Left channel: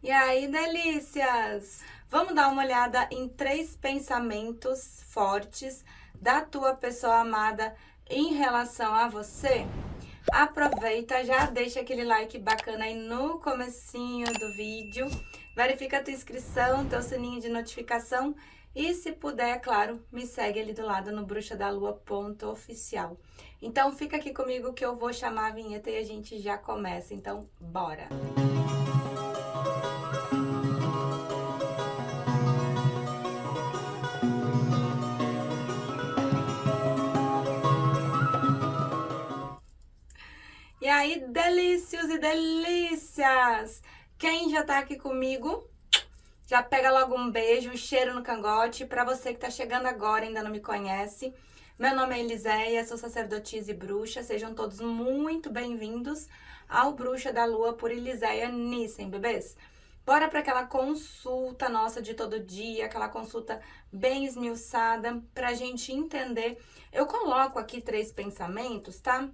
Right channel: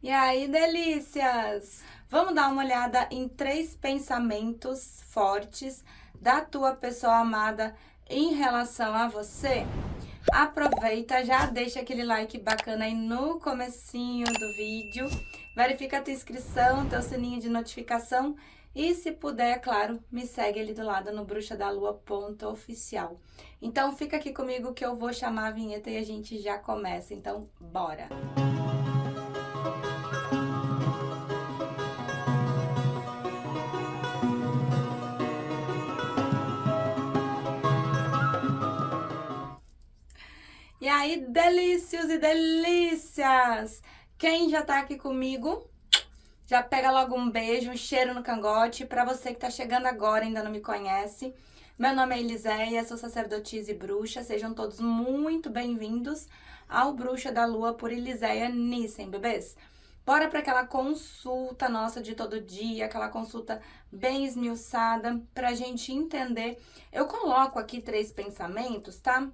E aí, delícias! Vamos dar uma olhada em 3 pensamentos fortes da tua pessoa amada em relação a você? Aproveita, já deixa aquele like bacana aí no comecinho do vídeo, verifica a tua inscrição, teu sininho de notificação e, se puder, é claro, me segue ali do lado no bruxadalua.oficial. Então fica aqui comigo que eu vou chamar a vinheta e a gente já começa, então bora! E aí, delícios e delícias! Quem já tá aqui comigo, já pega logo um beijo, um cheiro no cangote. Para você que tá chegando agora e ainda não me conhece, meu nome é Eliséia, sou sacerdotisa e bruxa. Sejam todos muito bem-vindos ao Bruxa da Lua por Eliséia Nissen, bebês. Bora para aquela consulta nossa de todo dia, aquela consulta bem esmiuçada, pra gente entender. Eu coloco aqui 3 pensamentos, tá?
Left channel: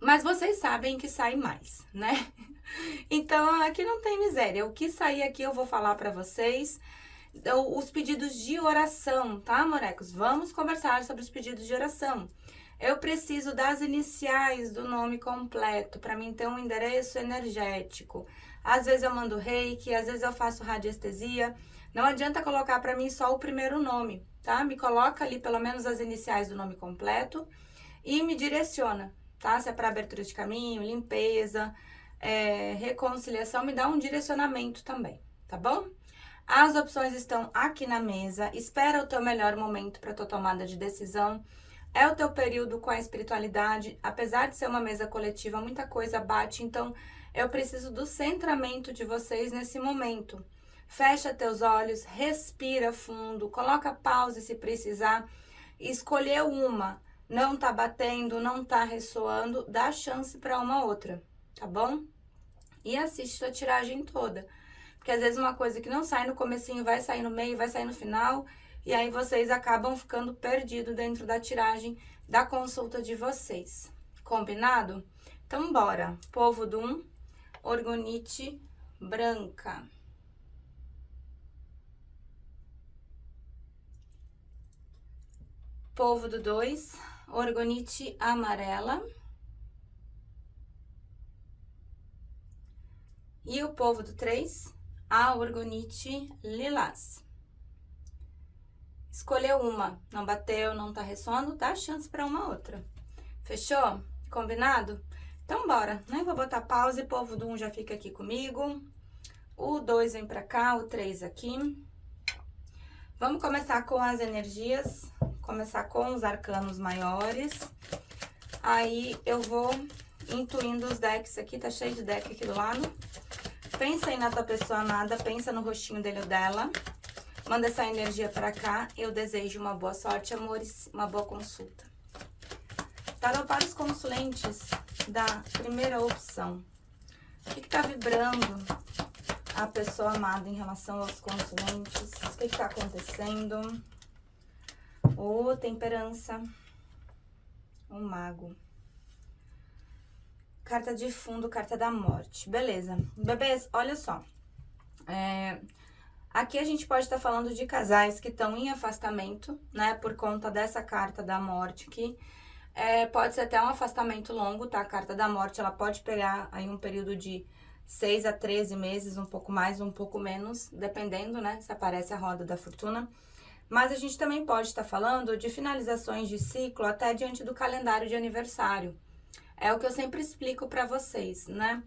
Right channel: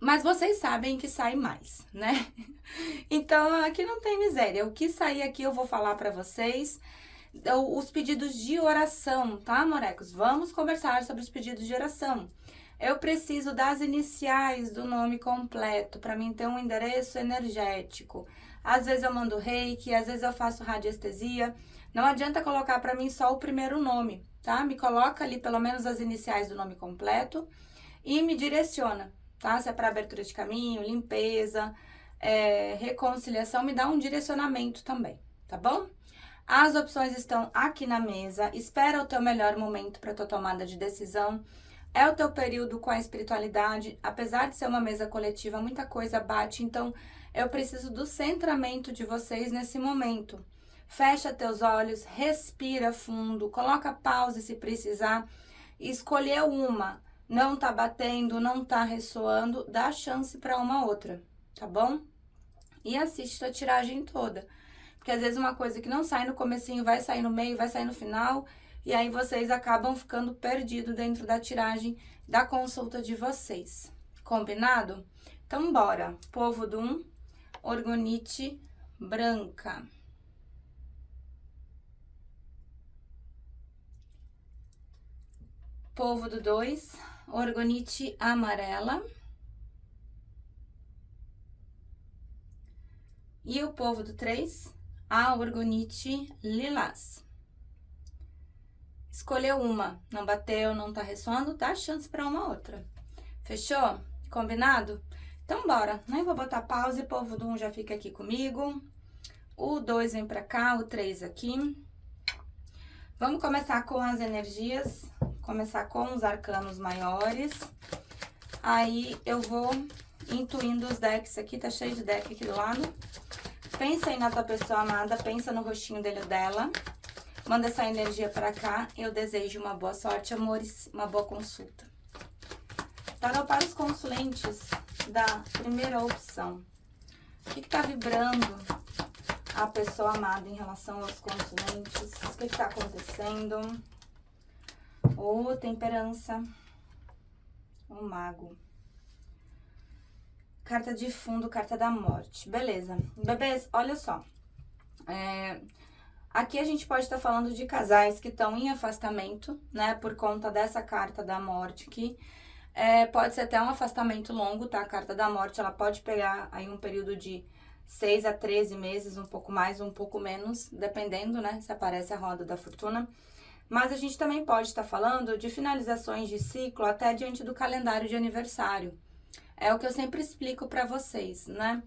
Mas vocês sabem que sai mais, né? Então, aqui não tem miséria. O que sair aqui eu vou falar pra vocês. Os pedidos de oração, tá, morecos? Vamos conversar sobre os pedidos de oração. Eu preciso das iniciais do nome completo para mim ter um endereço energético. Às vezes eu mando reiki, às vezes eu faço radiestesia. Não adianta colocar para mim só o primeiro nome, tá? Me coloca ali pelo menos as iniciais do nome completo e me direciona, tá? Se é para abertura de caminho, limpeza, reconciliação, me dá um direcionamento também, tá bom? As opções estão aqui na mesa. Espera o teu melhor momento para tua tomada de decisão. É o teu período com a espiritualidade. Apesar de ser uma mesa coletiva, muita coisa bate, então eu preciso do centramento de vocês nesse momento. Fecha teus olhos, respira fundo, coloca pausa se precisar. Escolheu uma, não tá batendo, não tá ressoando, dá chance para uma outra, tá bom? E assiste tua tiragem toda. Porque às vezes uma coisa que não sai no comecinho vai sair no meio, vai sair no final, e aí vocês acabam ficando perdidos dentro da tiragem da consulta de vocês. Combinado? Então bora. Povo do 1, orgonite branca. Povo do 2, orgonite amarela. E o povo do 3, a orgonite lilás. Escolheu uma, não bateu, não tá ressoando, dá chance para uma outra. Fechou? Combinado? Então bora, né? Vou botar pausa e o povo do 1 já fica aqui comigo. O 2 vem pra cá, o 3 aqui. Vamos começar com as energias, começar com os arcanos maiores. Aí eu vou intuindo os decks aqui, tá cheio de deck aqui do lado. Pensa aí na tua pessoa amada, pensa no rostinho dele ou dela. Manda essa energia pra cá. Eu desejo uma boa sorte, amores, uma boa consulta. Tarô para os consulentes da primeira opção. O que tá vibrando a pessoa amada em relação aos consulentes? O que tá acontecendo? Temperança. O mago. Carta de fundo, carta da morte. Beleza. Bebês, olha só. Aqui a gente pode estar falando de casais que estão em afastamento, né? Por conta dessa carta da morte aqui. Pode ser até um afastamento longo, tá? A carta da morte, ela pode pegar aí um período de 6 a 13 meses, um pouco mais, um pouco menos, dependendo, né? Se aparece a roda da fortuna. Mas a gente também pode estar falando de finalizações de ciclo até diante do calendário de aniversário. É o que eu sempre explico para vocês, né?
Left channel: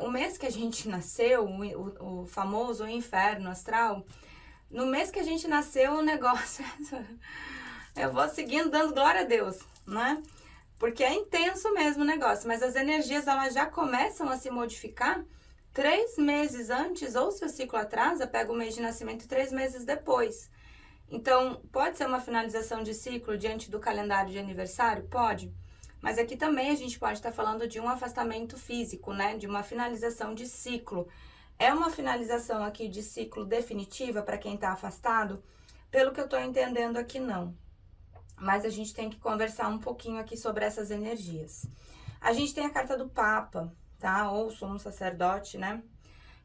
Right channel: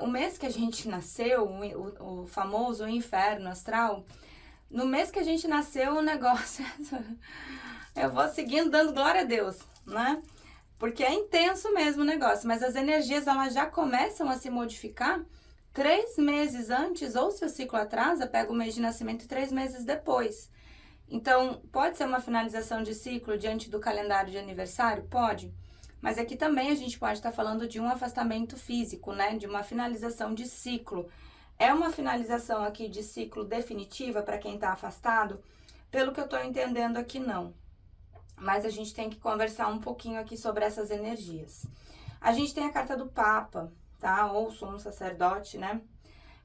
O mês que a gente nasceu, o famoso inferno astral, no mês que a gente nasceu, o negócio... eu vou seguindo dando glória a Deus, né? Porque é intenso mesmo o negócio, mas as energias elas já começam a se modificar 3 meses antes, ou se o ciclo atrasa, pega o mês de nascimento 3 meses depois. Então, pode ser uma finalização de ciclo diante do calendário de aniversário? Pode. Mas aqui também a gente pode estar falando de um afastamento físico, né? De uma finalização de ciclo. É uma finalização aqui de ciclo definitiva para quem está afastado? Pelo que eu estou entendendo aqui, não. Mas a gente tem que conversar um pouquinho aqui sobre essas energias. A gente tem a carta do Papa, tá? Ou sumo sacerdote, né?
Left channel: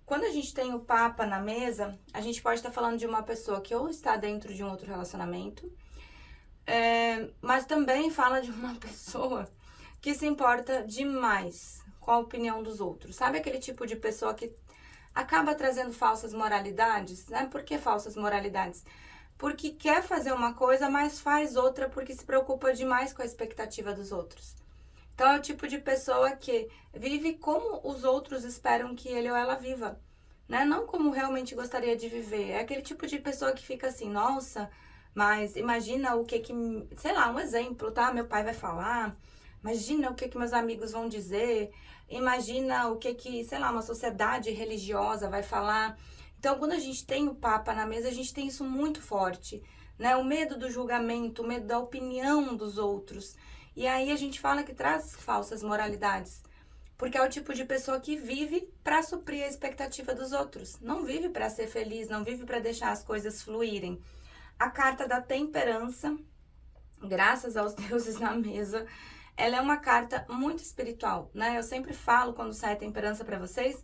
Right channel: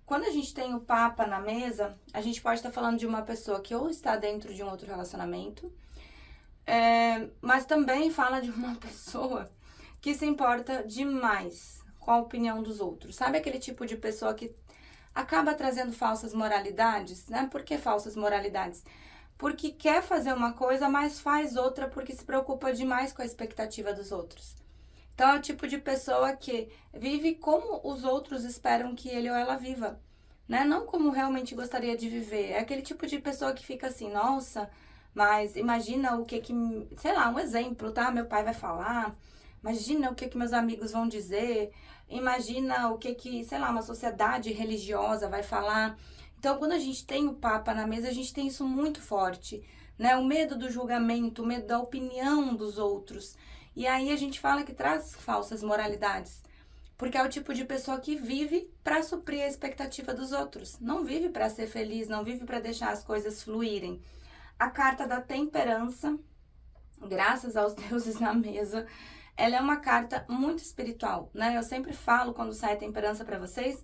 Quando a gente tem o Papa na mesa, a gente pode estar falando de uma pessoa que ou está dentro de um outro relacionamento, mas também fala de uma pessoa que se importa demais com a opinião dos outros. Sabe aquele tipo de pessoa que acaba trazendo falsas moralidades, né? Por que falsas moralidades? Porque quer fazer uma coisa, mas faz outra porque se preocupa demais com a expectativa dos outros. Então é o tipo de pessoa que vive como os outros esperam que ele ou ela viva, né? Não como realmente gostaria de viver. É aquele tipo de pessoa que fica assim, nossa, mas imagina o que, sei lá, um exemplo, tá? Meu pai vai falar, imagina o que meus amigos vão dizer, imagina o que, sei lá, uma sociedade religiosa vai falar. Então, quando a gente tem o Papa na mesa, a gente tem isso muito forte, né? O medo do julgamento, o medo da opinião dos outros. E aí a gente fala que traz falsas moralidades, porque é o tipo de pessoa que vive para suprir a expectativa dos outros. Não vive para ser feliz, não vive para deixar as coisas fluírem. A carta da temperança, graças aos deuses na mesa, ela é uma carta muito espiritual, né? Eu sempre falo quando sai a temperança para vocês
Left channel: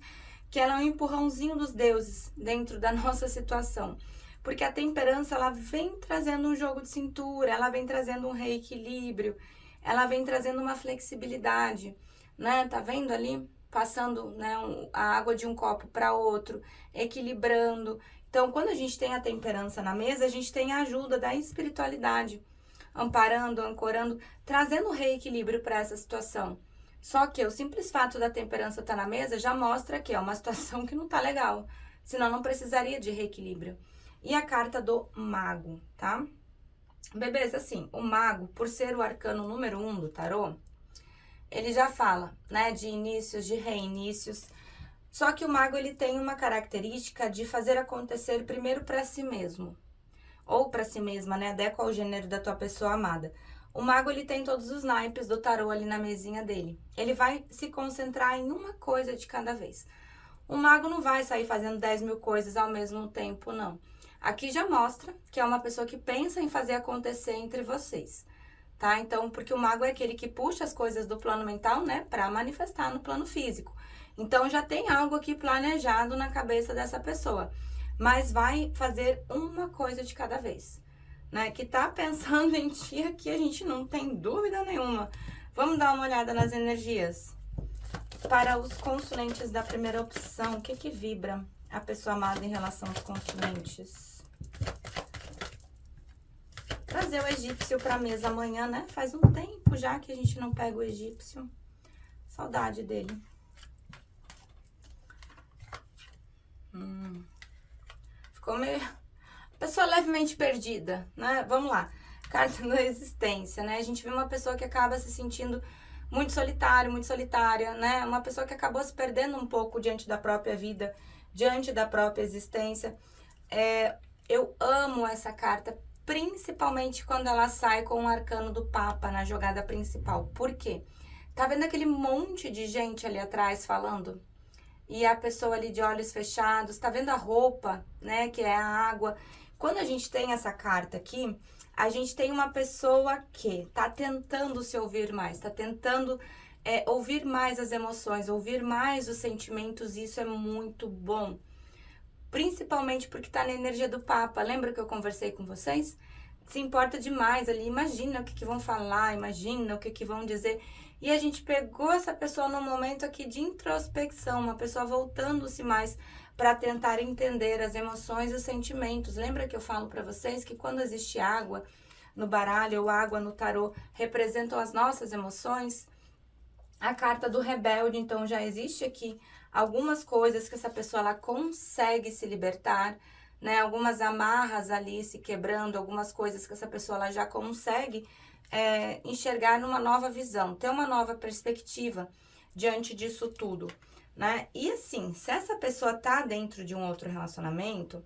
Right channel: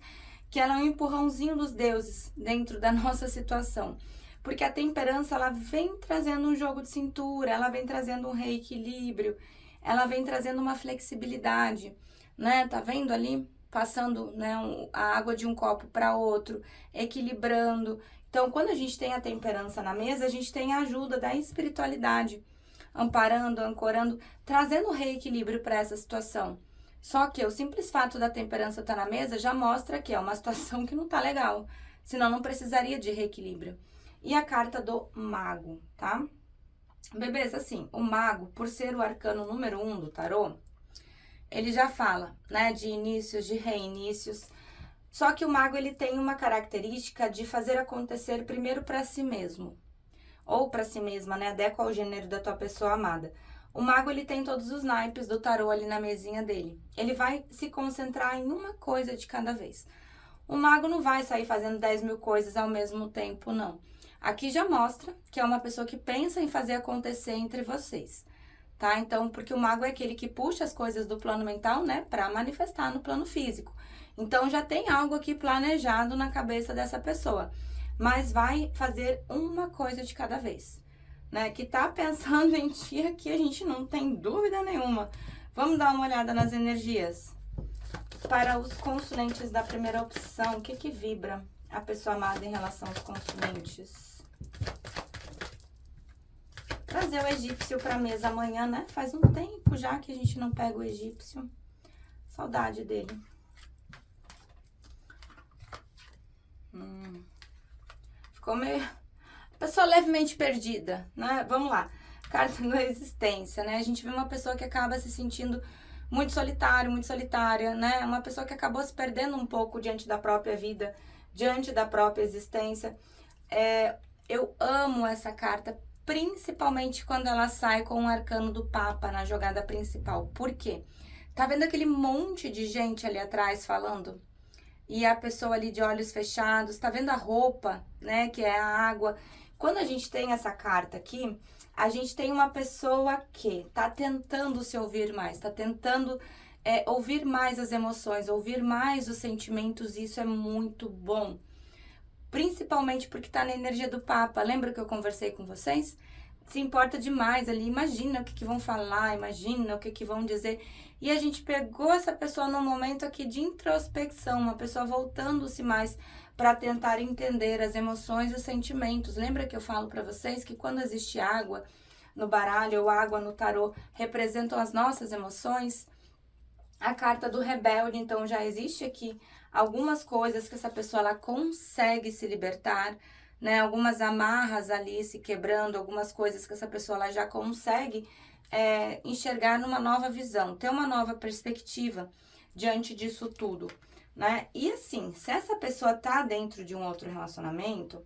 que ela é um empurrãozinho dos deuses dentro da nossa situação. Porque a temperança, ela vem trazendo um jogo de cintura, ela vem trazendo um reequilíbrio, ela vem trazendo uma flexibilidade, né? Tá vendo ali? Passando, né, a água de um copo para outro, equilibrando. Então, quando a gente tem a temperança na mesa, a gente tem a ajuda da espiritualidade, amparando, ancorando, trazendo reequilíbrio para essa situação. Só que o simples fato da temperança estar na mesa já mostra que é uma situação que não tá legal, senão não precisaria de reequilíbrio. E a carta do mago, tá? Bebês, assim, o mago, por ser o arcano número 1 do tarô, ele já fala, né, de inícios, de reinícios. Só que o mago, ele tem uma característica de fazer acontecer primeiro para si mesmo, ou para si mesma, né, adequa ao gênero da tua pessoa amada. O mago, ele tem todos os naipes do tarô ali na mesinha dele. Ele vai se concentrar em uma coisa de cada vez. O mago não vai sair fazendo 10 mil coisas ao mesmo tempo, não. Aqui já mostra que é uma pessoa que pensa em fazer acontecer entre vocês, tá? Então, porque o mago é aquele que puxa as coisas do plano mental, né, para manifestar no plano físico. Então, já tem algo aqui planejado na cabeça dessa pessoa, mas vai fazer uma coisa de cada vez, né? Que tá pensando em ti aqui, a gente não tem dúvida nenhuma. Vamos dar uma olhada nas energias. Para os consulentes da primeira opção, o que vibra a pessoa amada em relação aos consulentes? Trazer o egípcio para a mesa amanhã, né? Faz um tempo já que a gente não pega o egípcio. Saudade dele. Ficou meio... Pessoa levemente perdida, né? Vamos lá. Carta da existência, né? A gente vê uma pessoa que acaba se sentindo muito solitário, muito solitária, né? Uma pessoa que acabou se perdendo um pouco diante da própria vida, diante da própria existência. Eu amo essa carta, principalmente quando ela sai com o arcano do Papa na jogada principal. Por quê? Tá vendo aquele monte de gente ali atrás falando? E a pessoa ali de olhos fechados, tá vendo a roupa, né? Que é a água. Quando a gente tem essa carta aqui, a gente tem uma pessoa que tá tentando se ouvir mais, tá tentando ouvir mais as emoções, ouvir mais os sentimentos, e isso é muito bom. Principalmente porque tá na energia do Papa. Lembra que eu conversei com vocês? Se importa demais ali, imagina o que vão falar, imagina o que vão dizer. E a gente pegou essa pessoa num momento aqui de introspecção, uma pessoa voltando-se mais para tentar entender as emoções e os sentimentos. Lembra que eu falo para vocês que quando existe água no baralho ou água no tarô, representam as nossas emoções? A carta do rebelde, então, já existe aqui algumas coisas que essa pessoa ela consegue se libertar, né? Algumas amarras ali se quebrando, algumas coisas que essa pessoa ela já consegue enxergar numa nova visão, ter uma nova perspectiva diante disso tudo, né? E assim, se essa pessoa tá dentro de um outro relacionamento,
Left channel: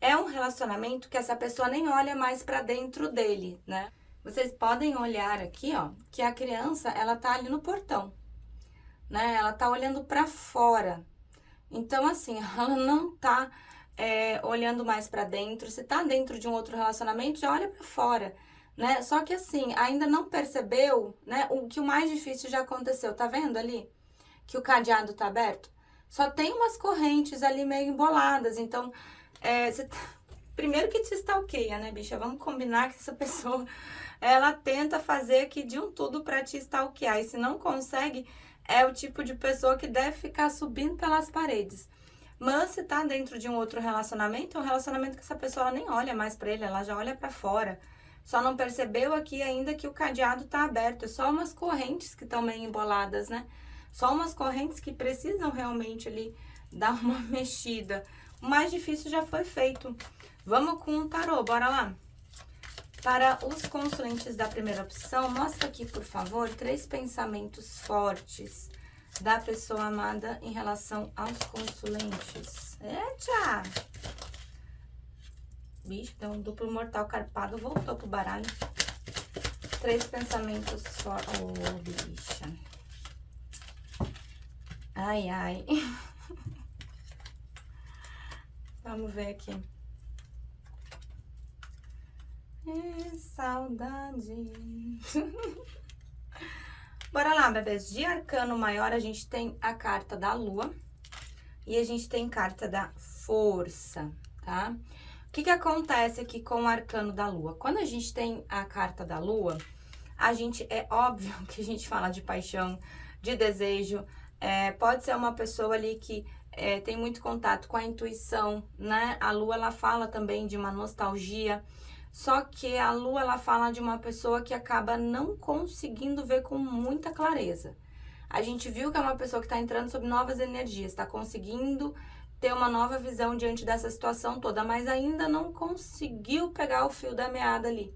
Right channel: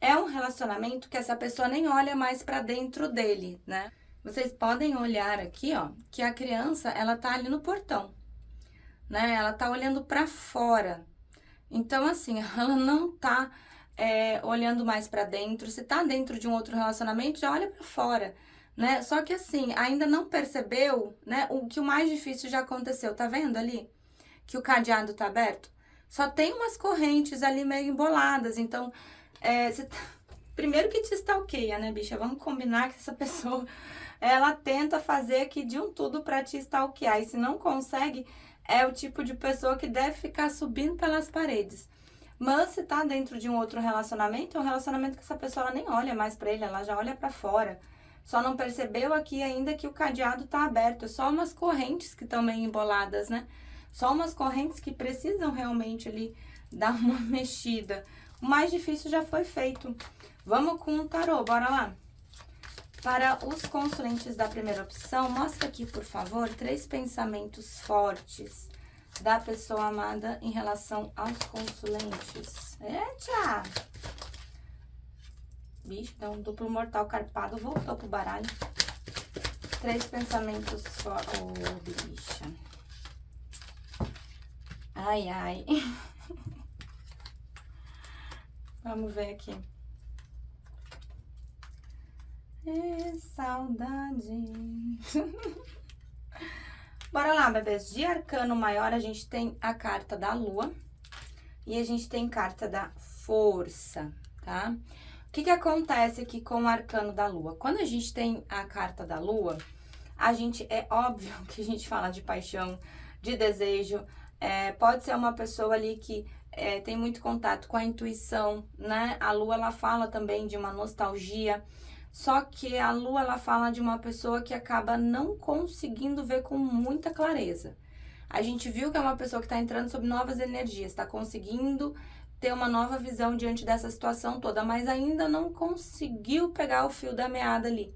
é um relacionamento que essa pessoa nem olha mais para dentro dele, né? Vocês podem olhar aqui, ó, que a criança, ela tá ali no portão, né? Ela tá olhando para fora. Então, assim, ela não tá olhando mais para dentro. Se tá dentro de um outro relacionamento, já olha para fora, né? Só que assim, ainda não percebeu, né? O que o mais difícil já aconteceu. Tá vendo ali? Que o cadeado tá aberto? Só tem umas correntes ali meio emboladas. Então, primeiro que te stalkeia, né, bicha? Vamos combinar que essa pessoa, ela tenta fazer aqui de um tudo pra te stalkear. E se não consegue, é o tipo de pessoa que deve ficar subindo pelas paredes. Mas se tá dentro de um outro relacionamento, é um relacionamento que essa pessoa ela nem olha mais pra ele, ela já olha pra fora. Só não percebeu aqui ainda que o cadeado tá aberto. É só umas correntes que estão meio emboladas, né? Só umas correntes que precisam realmente ali dar uma mexida. O mais difícil já foi feito. Vamos com o tarô, bora lá. Para os consulentes da primeira opção, mostra aqui, por favor, 3 pensamentos fortes da pessoa amada em relação aos consulentes. Eita! Bicho, deu um duplo mortal carpado, voltou pro baralho. 3 pensamentos fortes. Oh, bicha. Ai, ai. Vamos ver aqui. Saudade. Bora lá, bebês. De arcano maior, a gente tem a carta da lua e a gente tem carta da força, tá? O que acontece aqui com o arcano da lua? Quando a gente tem a carta da lua, é óbvio que a gente fala de paixão, de desejo. Pode ser uma pessoa ali que tem muito contato com a intuição, né? A lua, ela fala também de uma nostalgia. Só que a lua, ela fala de uma pessoa que acaba não conseguindo ver com muita clareza. A gente viu que é uma pessoa que está entrando sob novas energias, está conseguindo ter uma nova visão diante dessa situação toda, mas ainda não conseguiu pegar o fio da meada ali.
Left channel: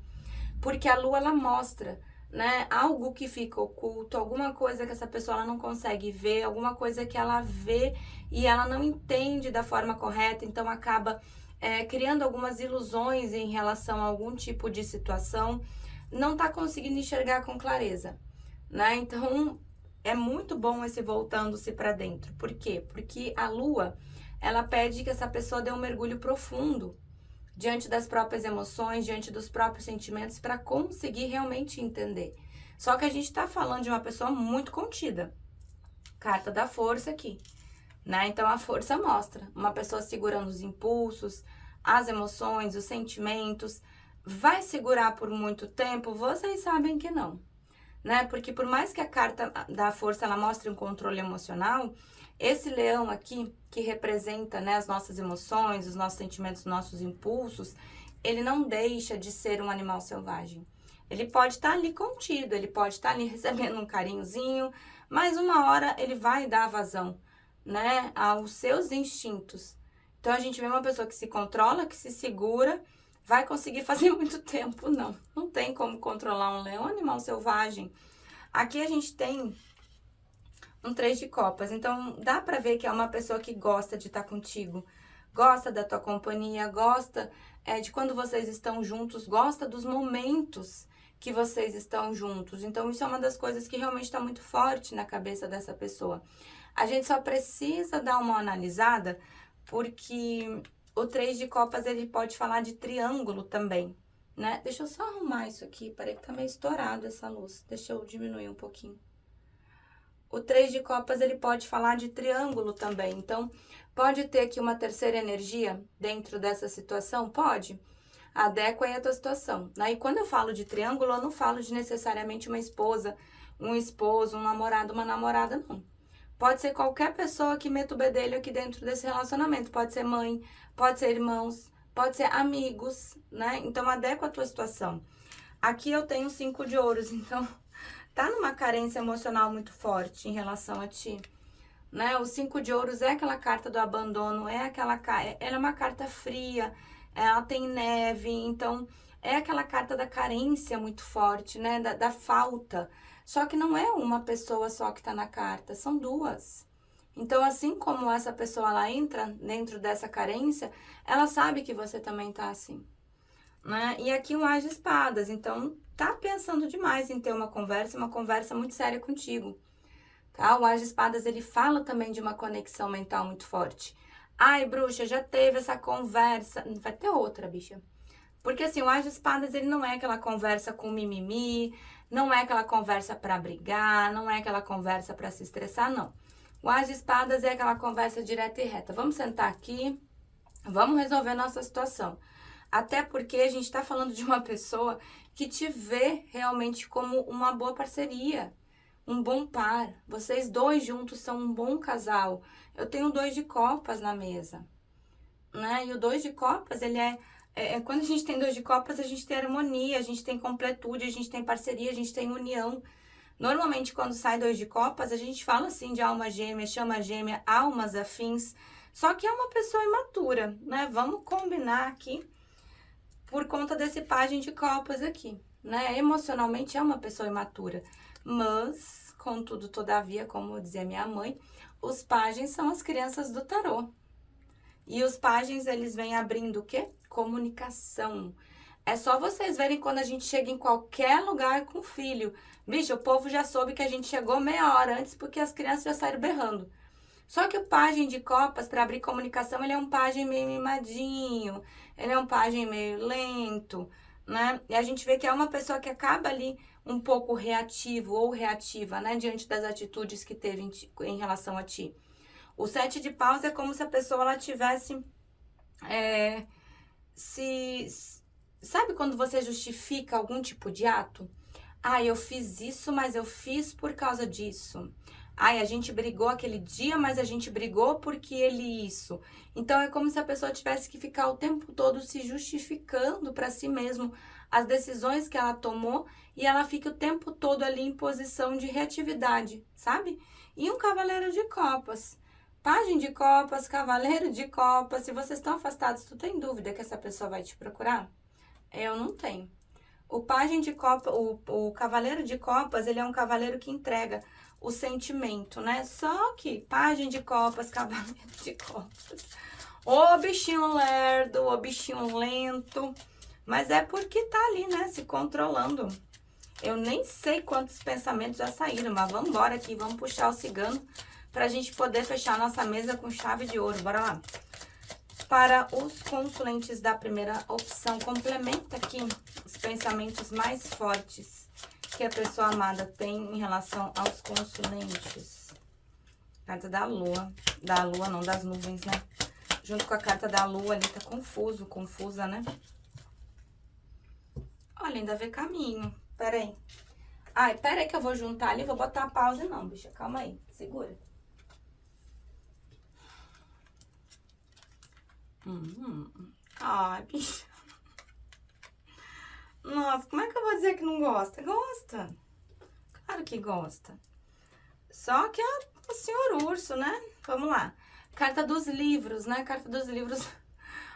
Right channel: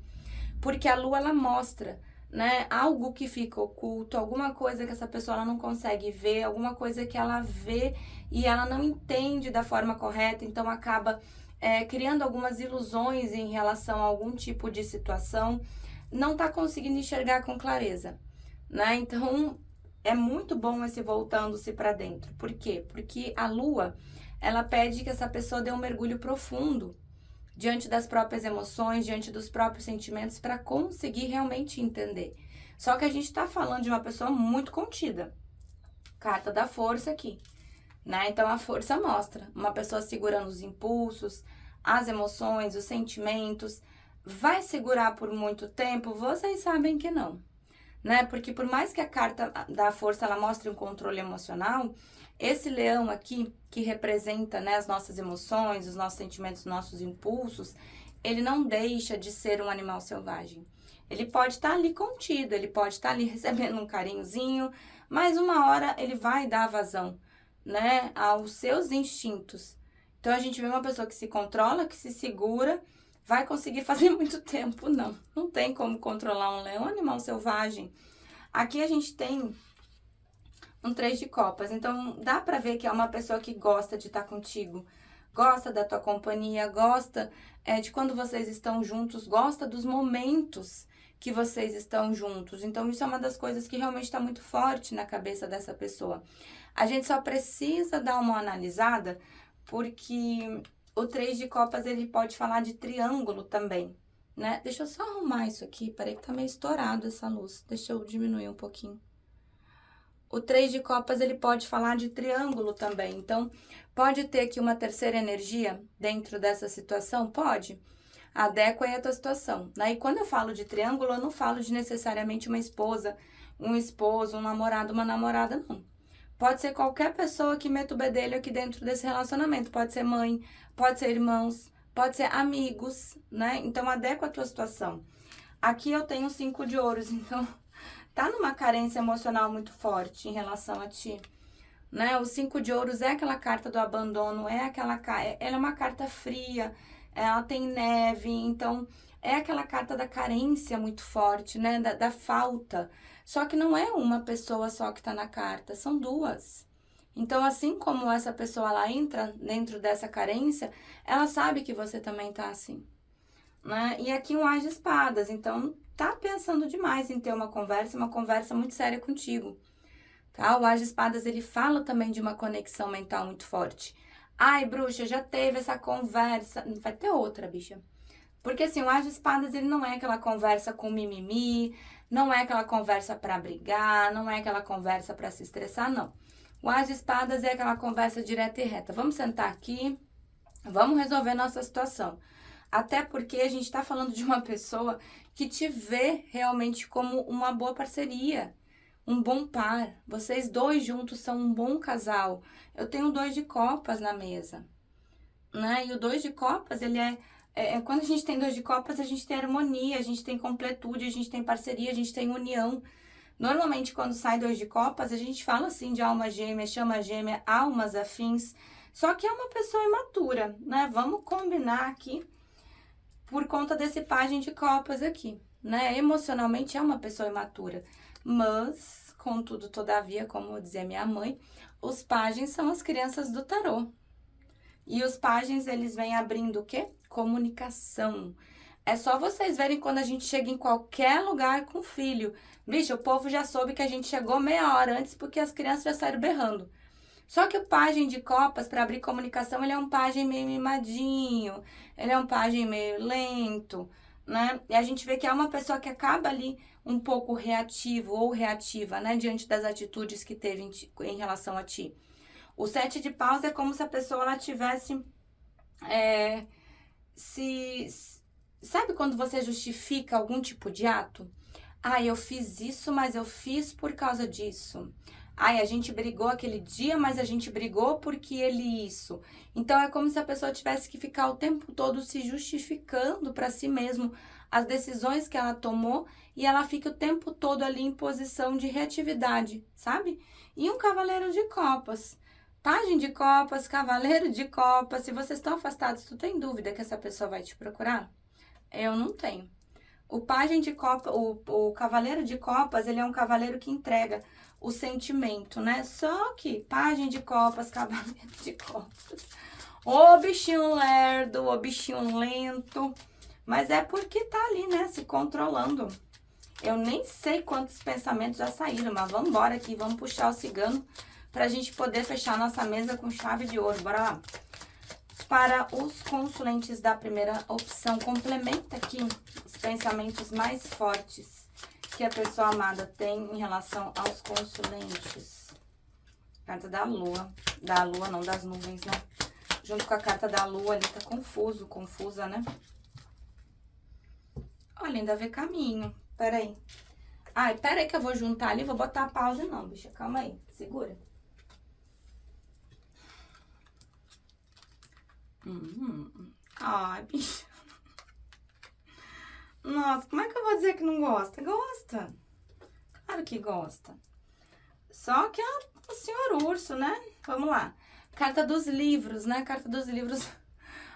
Porque a lua, ela mostra, né, algo que fica oculto, alguma coisa que essa pessoa ela não consegue ver, alguma coisa que ela vê e ela não entende da forma correta, então acaba criando algumas ilusões em relação a algum tipo de situação, não tá conseguindo enxergar com clareza, né? Então, é muito bom esse voltando-se para dentro. Por quê? Porque a lua, ela pede que essa pessoa dê um mergulho profundo diante das próprias emoções, diante dos próprios sentimentos, para conseguir realmente entender. Só que a gente tá falando de uma pessoa muito contida. Carta da força aqui, né? Então, a força mostra uma pessoa segurando os impulsos, as emoções, os sentimentos. Vai segurar por muito tempo? Vocês sabem que não, né? Porque por mais que a carta da força ela mostre um controle emocional, esse leão aqui, que representa, né, as nossas emoções, os nossos sentimentos, os nossos impulsos, ele não deixa de ser um animal selvagem. Ele pode estar ali contido, ele pode estar ali recebendo um carinhozinho, mas uma hora ele vai dar vazão, né, aos seus instintos. Então, a gente vê uma pessoa que se controla, que se segura, vai conseguir fazer muito tempo, não. Não tem como controlar um leão, um animal selvagem. Aqui a gente tem um 3 de copas, então dá pra ver que é uma pessoa que gosta de estar contigo, gosta da tua companhia, gosta de quando vocês estão juntos, gosta dos momentos que vocês estão juntos. Então, isso é uma das coisas que realmente está muito forte na cabeça dessa pessoa. A gente só precisa dar uma analisada, porque o 3 de copas, ele pode falar de triângulo também, né? Deixa eu só arrumar isso aqui, peraí que tá meio estourado essa luz. Deixa eu diminuir um pouquinho. O 3 de copas, ele pode falar de triângulo também. Então, pode ter aqui uma terceira energia dentro dessa situação? Pode. Adequa aí a tua situação. Aí, quando eu falo de triângulo, eu não falo de necessariamente uma esposa, um esposo, um namorado, uma namorada, não. Pode ser qualquer pessoa que meta o bedelho aqui dentro desse relacionamento. Pode ser mãe, pode ser irmãos, pode ser amigos, né? Então, adequa a tua situação. Aqui eu tenho 5 de ouros, então tá numa carência emocional muito forte em relação a ti, né? O 5 de ouros é aquela carta do abandono, ela é uma carta fria, ela tem neve, então é aquela carta da carência muito forte, né? Da falta. Só que não é uma pessoa só que tá na carta, são 2. Então, assim como essa pessoa, ela entra dentro dessa carência, ela sabe que você também tá assim, né? E aqui um As de Espadas, então tá pensando demais em ter uma conversa muito séria contigo, tá? O As de Espadas, ele fala também de uma conexão mental muito forte. Ai, bruxa, já teve essa conversa, vai ter outra, bicha. Porque assim, o As de Espadas, ele não é aquela conversa com mimimi, não é aquela conversa pra brigar, não é aquela conversa pra se estressar, não. O As de Espadas é aquela conversa direta e reta. Vamos sentar aqui, vamos resolver nossa situação. Até porque a gente está falando de uma pessoa que te vê realmente como uma boa parceria, um bom par. Vocês dois juntos são um bom casal. Eu tenho 2 de copas na mesa, né? E o 2 de copas, ele quando a gente tem 2 de copas, a gente tem harmonia, a gente tem completude, a gente tem parceria, a gente tem união. Normalmente, quando sai 2 de copas, a gente fala assim de alma gêmea, chama gêmea, almas afins. Só que é uma pessoa imatura, né? Vamos combinar aqui por conta desse pajem de copas aqui, né? Emocionalmente é uma pessoa imatura. Mas, contudo, todavia, como dizia minha mãe, os pagens são as crianças do tarô. E os pagens, eles vêm abrindo o quê? Comunicação. É só vocês verem quando a gente chega em qualquer lugar com filho. Bicho, o povo já soube que a gente chegou meia hora antes porque as crianças já saíram berrando. Só que o pajem de copas, para abrir comunicação, ele é um pajem meio mimadinho, ele é um pajem meio lento, né? E a gente vê que é uma pessoa que acaba ali um pouco reativo ou reativa, né? Diante das atitudes que teve em relação a ti. O 7 de paus é como se a pessoa ela tivesse sabe quando você justifica algum tipo de ato? Ah, eu fiz isso, mas eu fiz por causa disso. Ai, a gente brigou aquele dia, mas a gente brigou porque ele isso. Então, é como se a pessoa tivesse que ficar o tempo todo se justificando para si mesmo as decisões que ela tomou e ela fica o tempo todo ali em posição de reatividade, sabe? E um cavaleiro de copas. Pajem de copas, cavaleiro de copas. Se vocês estão afastados, tu tem dúvida que essa pessoa vai te procurar? Eu não tenho. O pajem de copas, o cavaleiro de copas, ele é um cavaleiro que entrega o sentimento, né? Só que pajem de copas, cavaleiro de copas. Ô bichinho lerdo, ô bichinho lento. Mas é porque tá ali, né? Se controlando. Eu nem sei quantos pensamentos já saíram, mas vamos embora aqui, vamos puxar o cigano pra gente poder fechar nossa mesa com chave de ouro. Bora lá. Para os consulentes da primeira opção, complementa aqui os pensamentos mais fortes que a pessoa amada tem em relação aos consulentes. Carta da lua. Da lua, não, das nuvens, né? Junto com a carta da lua, ali tá confuso, confusa, né? Olha, ainda vê caminho. Peraí. Ai, peraí que eu vou juntar ali, vou botar a pausa não, bicha. Calma aí, segura. Ai, bicha. Nossa, como é que eu vou dizer que não gosta? Gosta. Claro que gosta. Só que é o senhor urso, né? Vamos lá. Carta dos livros, né? Carta dos livros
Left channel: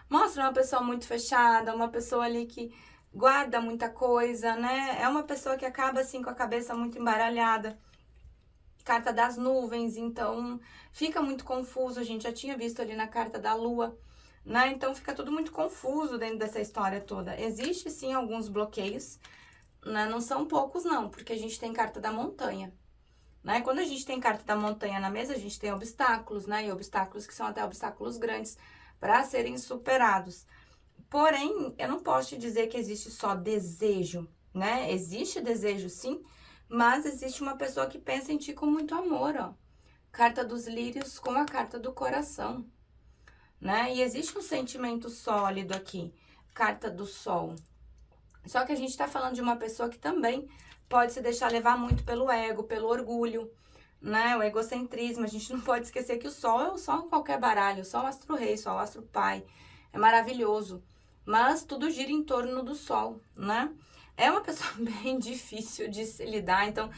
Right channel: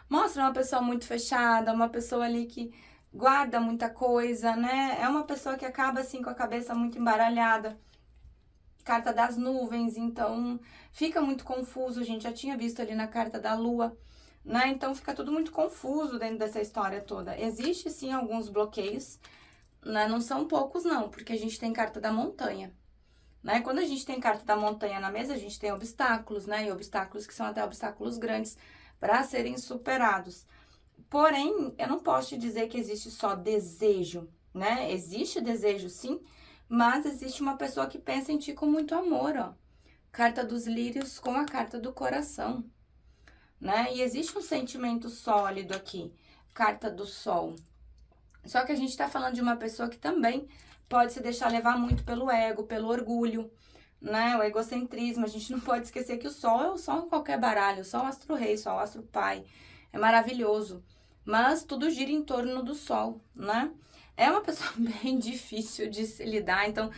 mostra uma pessoa muito fechada, uma pessoa ali que guarda muita coisa, né? É uma pessoa que acaba assim com a cabeça muito embaralhada. Carta das nuvens, então fica muito confuso. A gente já tinha visto ali na carta da lua, né? Então fica tudo muito confuso dentro dessa história toda. Existe sim alguns bloqueios, né? Não são poucos não, porque a gente tem carta da montanha, né? Quando a gente tem carta da montanha na mesa, a gente tem obstáculos, né? E obstáculos que são até obstáculos grandes para serem superados. Porém, eu não posso te dizer que existe só desejo, né? Existe desejo sim, mas existe uma pessoa que pensa em ti com muito amor, ó. Carta dos lírios com a carta do coração, né? E existe um sentimento sólido aqui, carta do sol. Só que a gente tá falando de uma pessoa que também pode se deixar levar muito pelo ego, pelo orgulho, né? O egocentrismo. A gente não pode esquecer que o sol é o sol em qualquer baralho, o sol é o astro-rei, o sol é o astro-pai. É maravilhoso. Mas tudo gira em torno do sol, né? É uma pessoa bem difícil de se lidar, então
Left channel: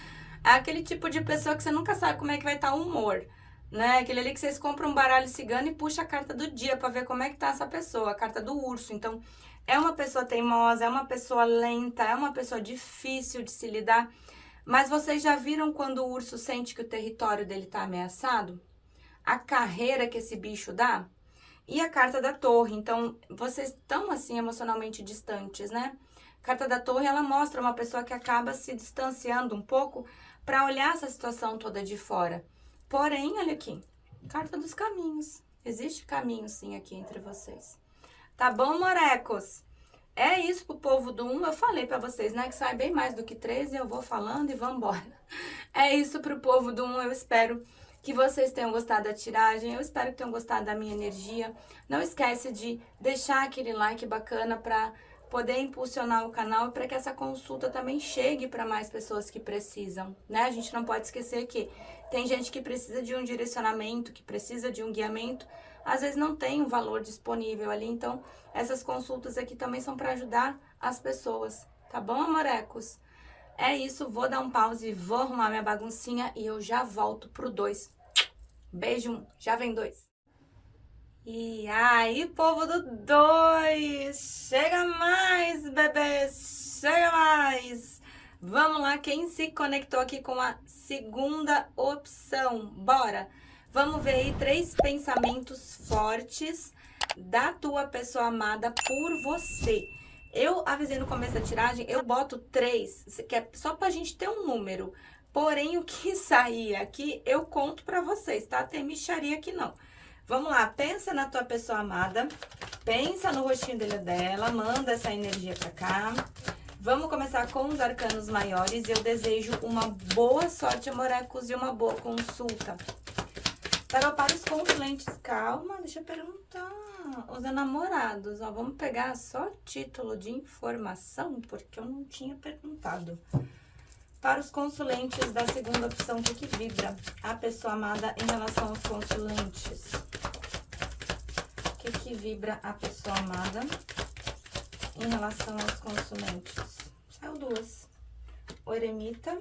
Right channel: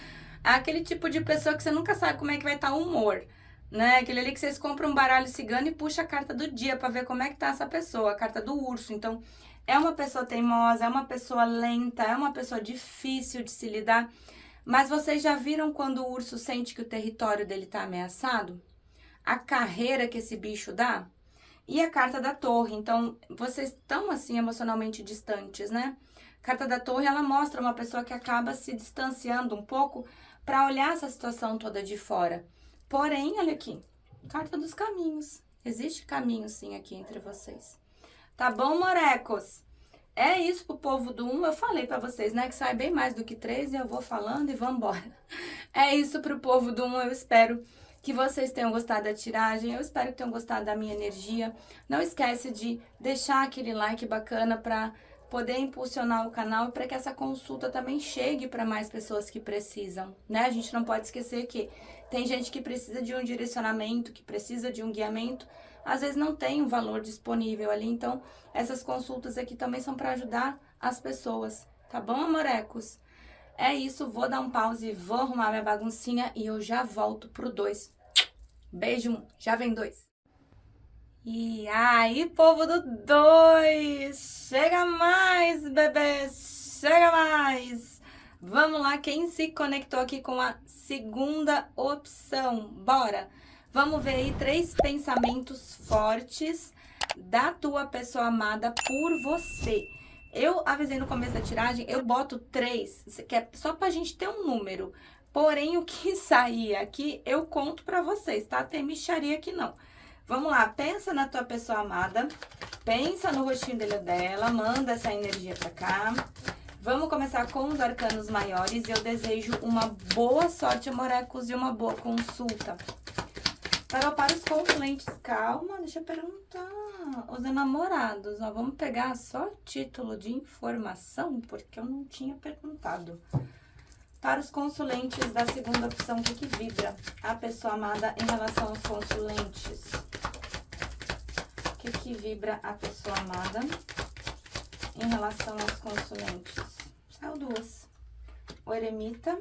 é aquele tipo de pessoa que você nunca sabe como é que vai estar o humor, né? Aquele ali que vocês compram um baralho cigano e puxa a carta do dia pra ver como é que tá essa pessoa, a carta do urso. Então, é uma pessoa teimosa, é uma pessoa lenta, é uma pessoa difícil de se lidar. Mas vocês já viram quando o urso sente que o território dele tá ameaçado? A carreira que esse bicho dá? E a carta da torre, então, vocês estão, assim, emocionalmente distantes, né? A carta da torre, ela mostra uma pessoa que acaba se distanciando um pouco para olhar essa situação toda de fora. Porém, olha aqui, carta dos caminhos. Existe caminho, sim, aqui entre vocês. Tá bom, morecos? É isso pro povo do 1, eu falei pra vocês, né? Que sai bem mais do que 3 e eu vou falando e vambora. É isso pro povo do 1, eu espero que vocês tenham gostado da tiragem. Eu espero que tenham gostado da minha energia. Não esquece de deixar aquele like bacana para poder impulsionar o canal e para que essa consulta também chegue para mais pessoas que precisam, né? A gente não pode esquecer que tem gente que precisa de um direcionamento, que precisa de um guiamento, às vezes não tem o valor disponível ali, então essas consultas aqui também são para ajudar as pessoas, tá bom, amorecos? É isso, vou dar um pause, vou arrumar minha baguncinha e eu já volto pro 2. Beijo, já vem 2. E aí, povo do 2, chega mais, bebês, chega mais. Vamos lá, quem se conectou aqui com a segunda opção, bora. Vamos ver aí 3 pensamentos fortes da tua pessoa amada por você. Eu avisei no começo da tiragem, eu boto 3, que é só pra gente ter um número. Porém, o que sair aqui, eu conto pra vocês, tá? Tem mixaria aqui não. Vamos lá, pensa na tua pessoa amada, pensa no rostinho dele ou dela, manda essa energia pra cá. Vamos começar com os arcanos maiores e eu desejo uma boa sorte, amorecos, e uma boa consulta. Tarô para os consulentes, calma, deixa eu perguntar. Os namorados, ó, vamos pegar só título de informação, porque eu não tinha perguntado. Para os consulentes da segunda opção, o que vibra a pessoa amada em relação aos consulentes? O que vibra a pessoa amada em relação aos consulentes? Saiu 2. O eremita.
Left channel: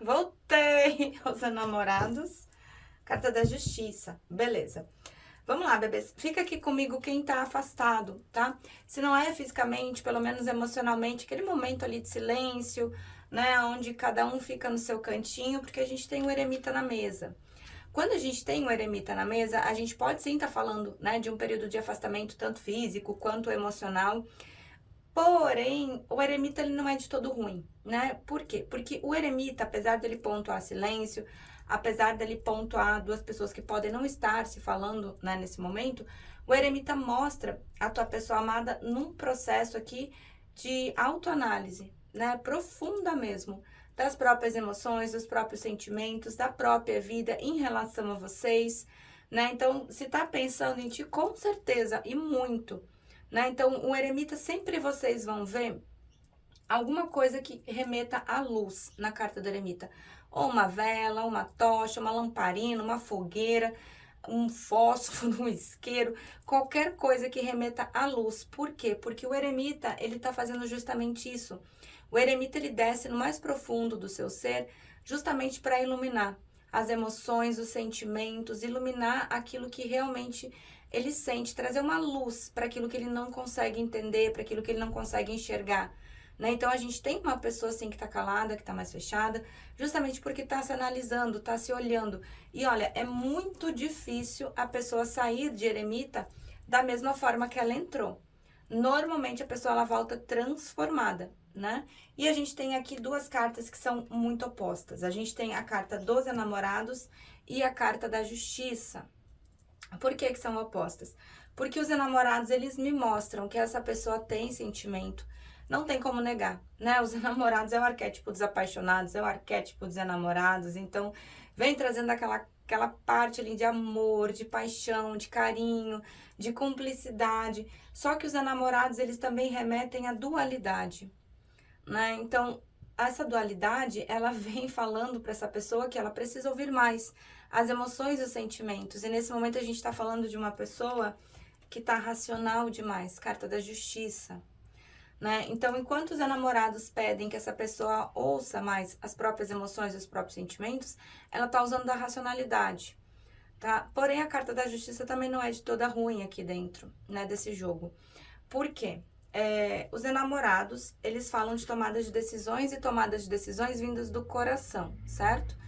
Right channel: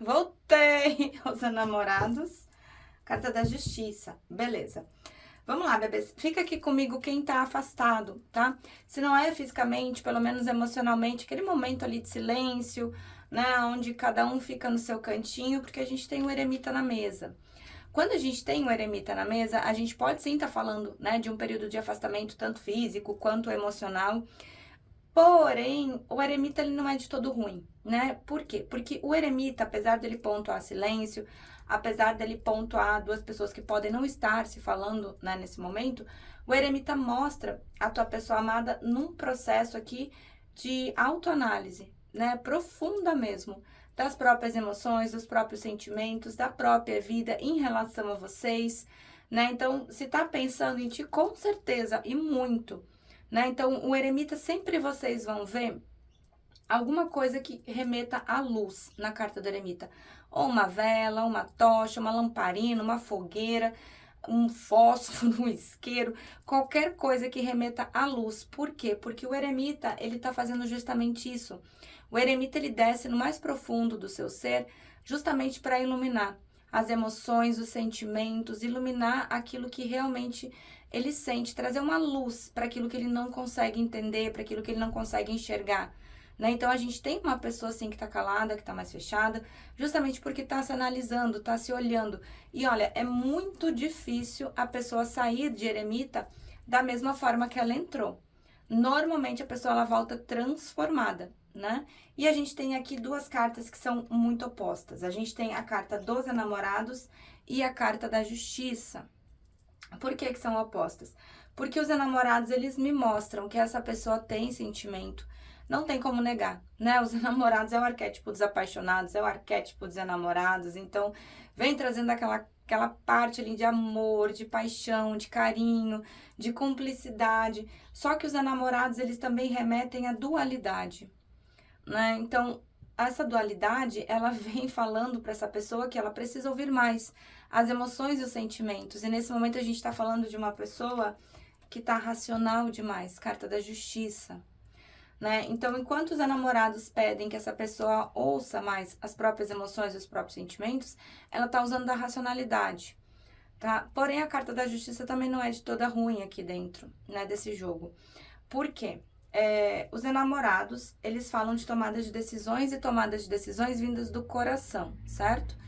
Voltei aos namorados. Carta da justiça. Beleza. Vamos lá, bebês. Fica aqui comigo quem tá afastado, tá? Se não é fisicamente, pelo menos emocionalmente, aquele momento ali de silêncio, né? Onde cada um fica no seu cantinho, porque a gente tem o eremita na mesa. Quando a gente tem o eremita na mesa, a gente pode sim estar falando, né? De um período de afastamento, tanto físico quanto emocional. Porém, o eremita, ele não é de todo ruim, né? Por quê? Porque o eremita, apesar dele pontuar silêncio, apesar dele pontuar 2 pessoas que podem não estar se falando, né, nesse momento, o eremita mostra a tua pessoa amada num processo aqui de autoanálise, né, profunda mesmo, das próprias emoções, dos próprios sentimentos, da própria vida em relação a vocês, né? Então, se tá pensando em ti, com certeza, e muito, né? Então, o eremita, sempre vocês vão ver alguma coisa que remeta à luz na carta do eremita. Ou uma vela, uma tocha, uma lamparina, uma fogueira, um fósforo, um isqueiro, qualquer coisa que remeta à luz. Por quê? Porque o eremita, ele tá fazendo justamente isso. O eremita, ele desce no mais profundo do seu ser, justamente para iluminar as emoções, os sentimentos, iluminar aquilo que realmente ele sente, trazer uma luz para aquilo que ele não consegue entender, para aquilo que ele não consegue enxergar. Né? Então, a gente tem uma pessoa assim que tá calada, que tá mais fechada, justamente porque tá se analisando, tá se olhando. E olha, é muito difícil a pessoa sair de eremita da mesma forma que ela entrou. Normalmente, a pessoa ela volta transformada, né? E a gente tem aqui 2 cartas que são muito opostas. A gente tem a carta dos enamorados e a carta da justiça. Por que são opostas? Porque os enamorados, eles me mostram que essa pessoa tem sentimento. Não tem como negar, né? Os enamorados é o arquétipo dos apaixonados, é o arquétipo dos enamorados. Então, vem trazendo aquela parte ali de amor, de paixão, de carinho, de cumplicidade. Só que os enamorados, eles também remetem à dualidade, né? Então, essa dualidade, ela vem falando para essa pessoa que ela precisa ouvir mais as emoções e os sentimentos. E nesse momento a gente está falando de uma pessoa que está racional demais, carta da justiça. Né? Então, enquanto os enamorados pedem que essa pessoa ouça mais as próprias emoções e os próprios sentimentos, ela está usando da racionalidade, tá? Porém, a carta da justiça também não é de toda ruim aqui dentro, né, desse jogo. Por quê? Os enamorados, eles falam de tomadas de decisões e tomadas de decisões vindas do coração, certo?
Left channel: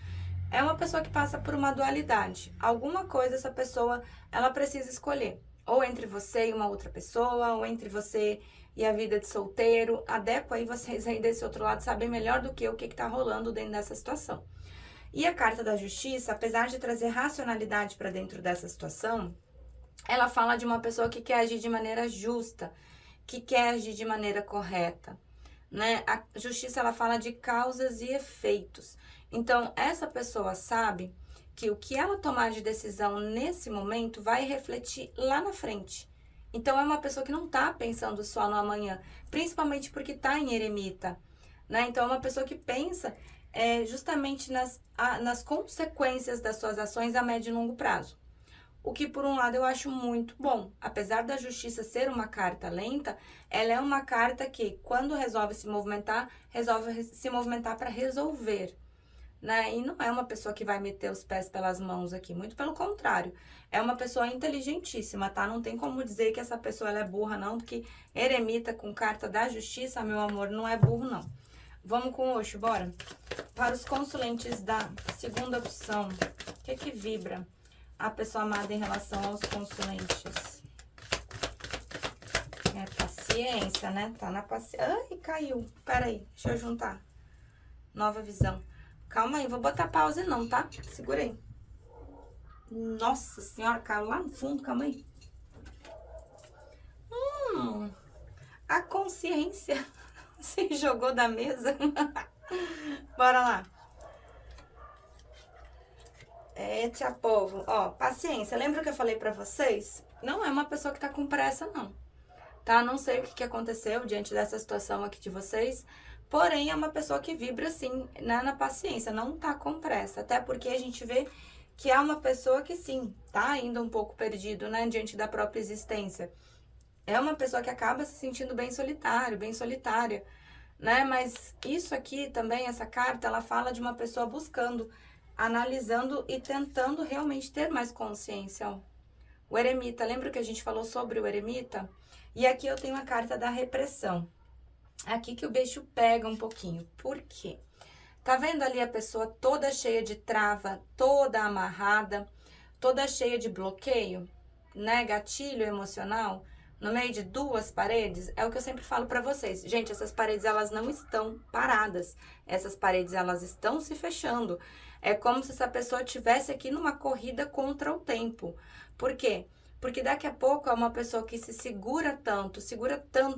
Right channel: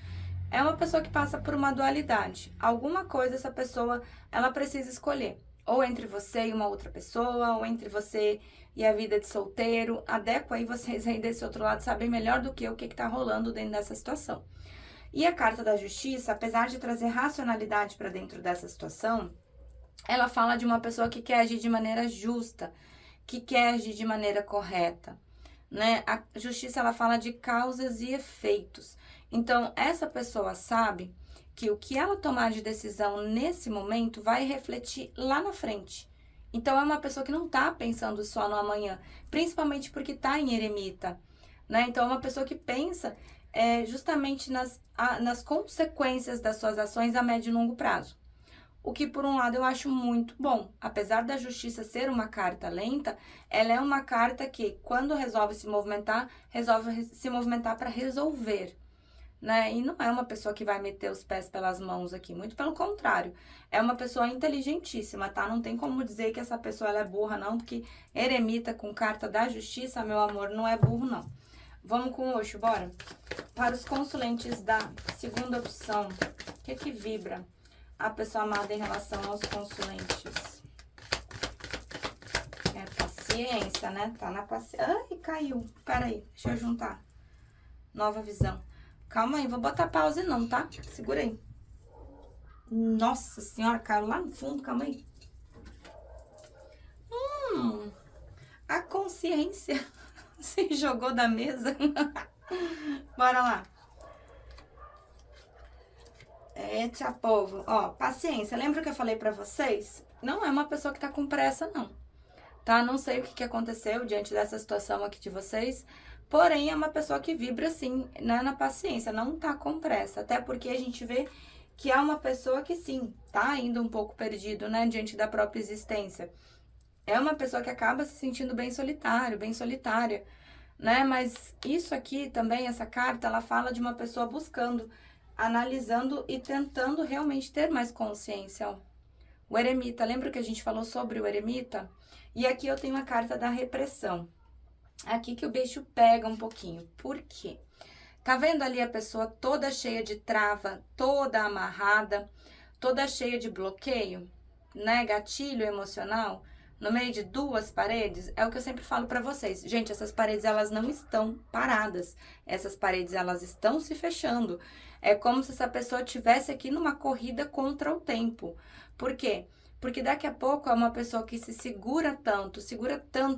É uma pessoa que passa por uma dualidade. Alguma coisa essa pessoa, ela precisa escolher. Ou entre você e uma outra pessoa, ou entre você e a vida de solteiro. Adequa aí, vocês aí desse outro lado sabem melhor do que o que tá rolando dentro dessa situação. E a carta da justiça, apesar de trazer racionalidade para dentro dessa situação, ela fala de uma pessoa que quer agir de maneira justa, que quer agir de maneira correta, né? A justiça, ela fala de causas e efeitos. Então, essa pessoa sabe que o que ela tomar de decisão nesse momento vai refletir lá na frente. Então, é uma pessoa que não está pensando só no amanhã, principalmente porque está em eremita, né? Então, é uma pessoa que pensa justamente nas consequências das suas ações a médio e longo prazo. O que, por um lado, eu acho muito bom. Apesar da justiça ser uma carta lenta, ela é uma carta que, quando resolve se movimentar para resolver, né? E não é uma pessoa que vai meter os pés pelas mãos aqui, muito pelo contrário. É uma pessoa inteligentíssima, tá? Não tem como dizer que essa pessoa ela é burra, não, porque eremita com carta da justiça, meu amor, não é burro, não. Vamos com o Osho, bora? Para os consulentes da segunda opção, o que vibra a pessoa amada em relação aos consulentes? É paciência, né? Tá na paciência. Ai, caiu. Peraí, deixa eu juntar. Nova visão. Calma aí, vou botar pause não, tá? Segura aí. Nossa senhora, caiu lá no fundo, calma aí. A consciência se jogou da mesa. Bora lá. Eita, povo. Ó, paciência. Lembra que eu falei pra vocês? Não é uma pessoa que tá com pressa, não. Tá? Não sei o que aconteceu diante dessa situação aqui de vocês. Porém, é uma pessoa que vibra, assim, né, na paciência. Não tá com pressa. Até porque a gente vê que é uma pessoa que, sim, tá ainda um pouco perdido, né? Diante da própria existência. É uma pessoa que acaba se sentindo bem solitário, bem solitária, né? Mas isso aqui também, essa carta, ela fala de uma pessoa buscando, analisando e tentando realmente ter mais consciência, ó. O eremita, lembra que a gente falou sobre o eremita? E aqui eu tenho a carta da repressão. Aqui que o bicho pega um pouquinho. Por quê? Tá vendo ali a pessoa toda cheia de trava, toda amarrada, toda cheia de bloqueio, né? Gatilho emocional, no meio de duas paredes? É o que eu sempre falo pra vocês. Gente, essas paredes, elas não estão paradas. Essas paredes, elas estão se fechando. É como se essa pessoa estivesse aqui numa corrida contra o tempo. Por quê? Porque daqui a pouco é uma pessoa que se segura tanto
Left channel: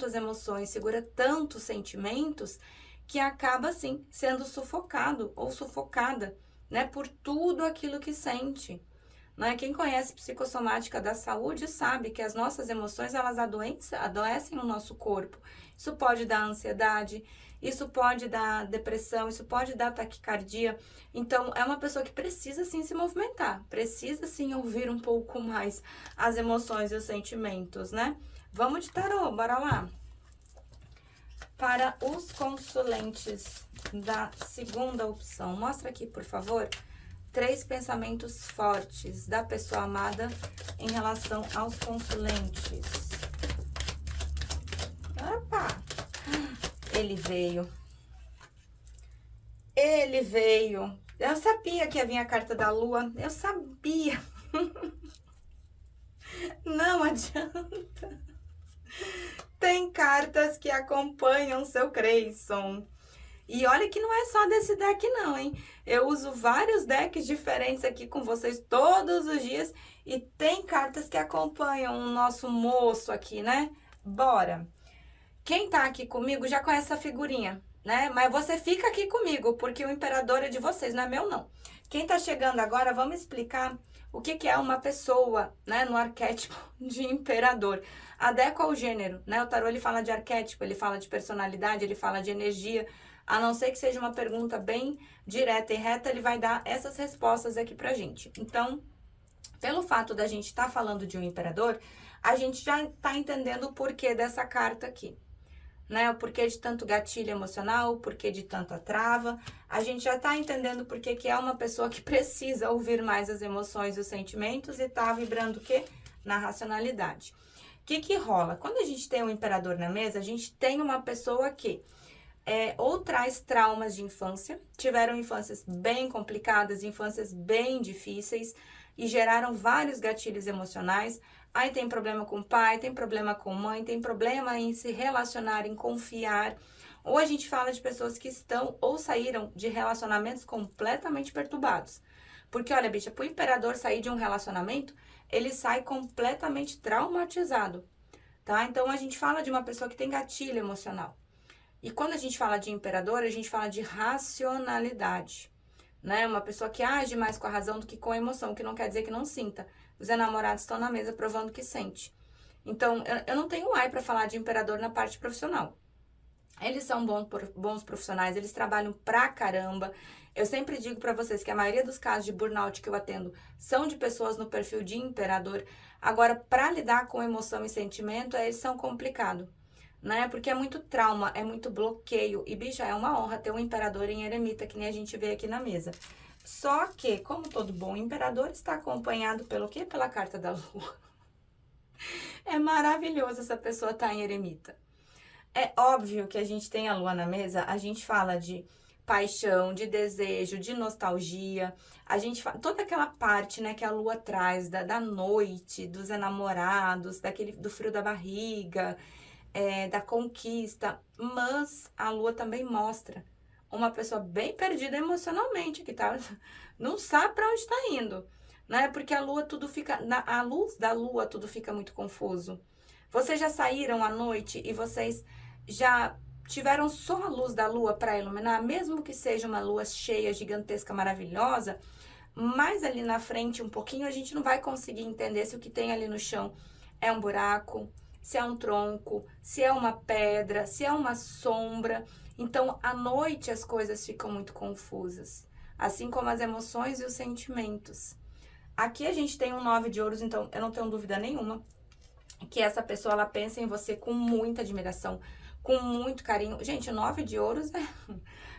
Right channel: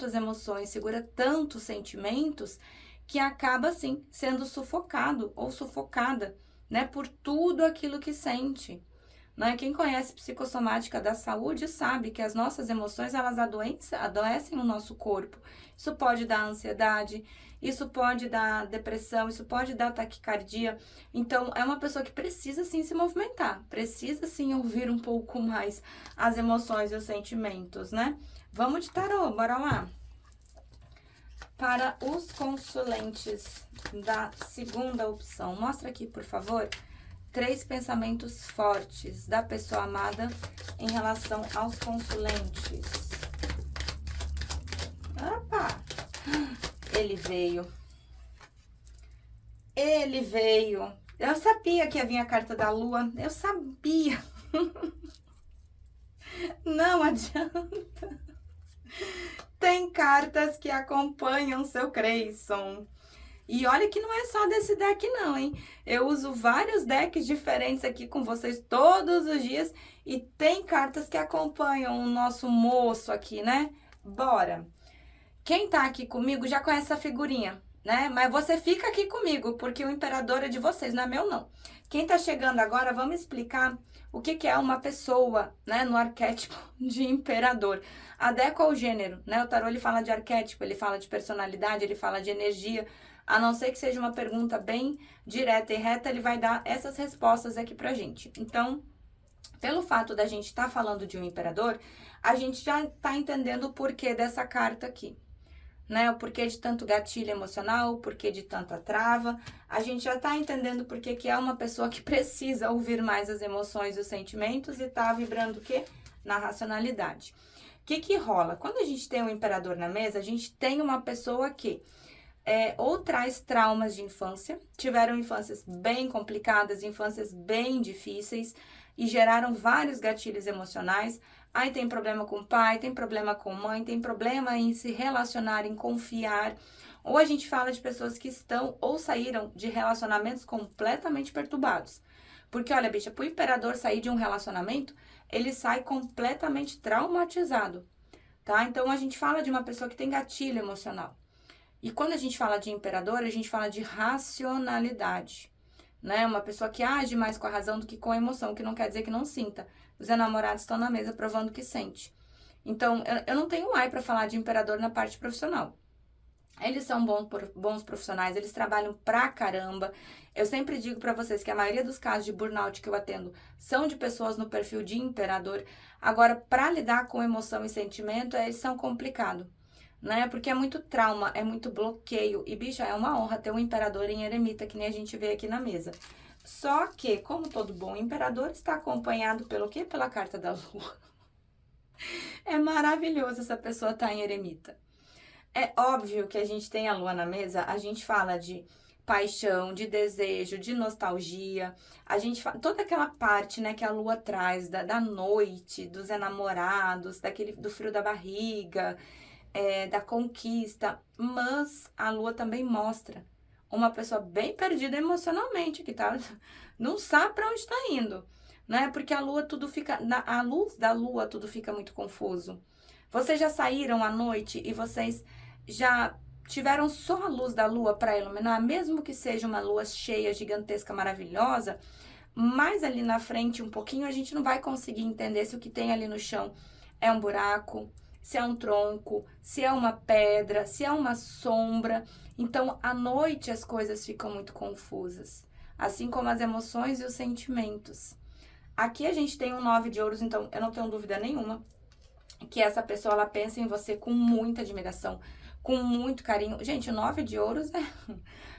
as emoções, segura tantos sentimentos, que acaba, assim, sendo sufocado ou sufocada, né, por tudo aquilo que sente. Né? Quem conhece psicossomática da saúde sabe que as nossas emoções, elas adoecem o nosso corpo. Isso pode dar ansiedade, isso pode dar depressão, isso pode dar taquicardia. Então, é uma pessoa que precisa, sim, se movimentar. Precisa, sim, ouvir um pouco mais as emoções e os sentimentos, né? Vamos de tarô, bora lá. Para os consulentes da segunda opção, mostra aqui, por favor, 3 pensamentos fortes da pessoa amada em relação aos consulentes. Opa! Ele veio. Ele veio. Eu sabia que ia vir a carta da lua. Eu sabia. Não adianta. Tem cartas que acompanham seu Creyson. E olha que não é só desse deck não, hein? Eu uso vários decks diferentes aqui com vocês todos os dias. E tem cartas que acompanham o nosso moço aqui, né? Bora! Quem tá aqui comigo já conhece essa figurinha, né? Mas você fica aqui comigo, porque o imperador é de vocês, não é meu não. Quem tá chegando agora, vamos explicar o que é uma pessoa, né? No arquétipo de imperador. Adequa ao gênero, né? O tarô, ele fala de arquétipo, ele fala de personalidade, ele fala de energia. A não ser que seja uma pergunta bem direta e reta, ele vai dar essas respostas aqui pra gente. Então, pelo fato da gente estar falando de um imperador, a gente já tá entendendo o porquê dessa carta aqui, né? O porquê de tanto gatilho emocional, o porquê de tanta trava. A gente já tá entendendo porque que é uma pessoa que precisa ouvir mais as emoções e os sentimentos e tá vibrando o quê? Na racionalidade. O que rola? Quando a gente tem um imperador na mesa, a gente tem uma pessoa que ou traz traumas de infância, tiveram infâncias bem complicadas, infâncias bem difíceis e geraram vários gatilhos emocionais. Aí tem problema com o pai, tem problema com mãe, tem problema em se relacionar, em confiar. Ou a gente fala de pessoas que estão ou saíram de relacionamentos completamente perturbados. Porque, olha, bicha, pro imperador sair de um relacionamento, ele sai completamente traumatizado, tá? Então, a gente fala de uma pessoa que tem gatilho emocional. E quando a gente fala de imperador, a gente fala de racionalidade, né? Uma pessoa que age mais com a razão do que com a emoção, que não quer dizer que não sinta. Os enamorados estão na mesa provando que sente. Então, eu não tenho ai para falar de imperador na parte profissional. Eles são bons profissionais, eles trabalham pra caramba. Eu sempre digo pra vocês que a maioria dos casos de burnout que eu atendo são de pessoas no perfil de imperador. Agora, pra lidar com emoção e sentimento, eles são complicados, né? Porque é muito trauma, é muito bloqueio. E, bicha, é uma honra ter um imperador em eremita, que nem a gente vê aqui na mesa. Só que, como todo bom imperador, está acompanhado pelo quê? Pela carta da lua. É maravilhoso essa pessoa estar em eremita. É óbvio que a gente tem a lua na mesa, a gente fala de paixão, de desejo, de nostalgia. A gente fala toda aquela parte, né, que a lua traz da noite, dos enamorados, do frio da barriga, da conquista. Mas a lua também mostra uma pessoa bem perdida emocionalmente, que tá, não sabe para onde está indo, né? Porque a lua tudo fica, a luz da lua tudo fica muito confuso. Vocês já saíram à noite e vocês já tiveram só a luz da lua para iluminar, mesmo que seja uma lua cheia, gigantesca, maravilhosa, mas ali na frente um pouquinho a gente não vai conseguir entender se o que tem ali no chão é um buraco, se é um tronco, se é uma pedra, se é uma sombra. Então, à noite as coisas ficam muito confusas, assim como as emoções e os sentimentos. Aqui a gente tem um 9 de ouros, então eu não tenho dúvida nenhuma que essa pessoa, ela pensa em você com muita admiração, com muito carinho. Gente, o 9 de ouros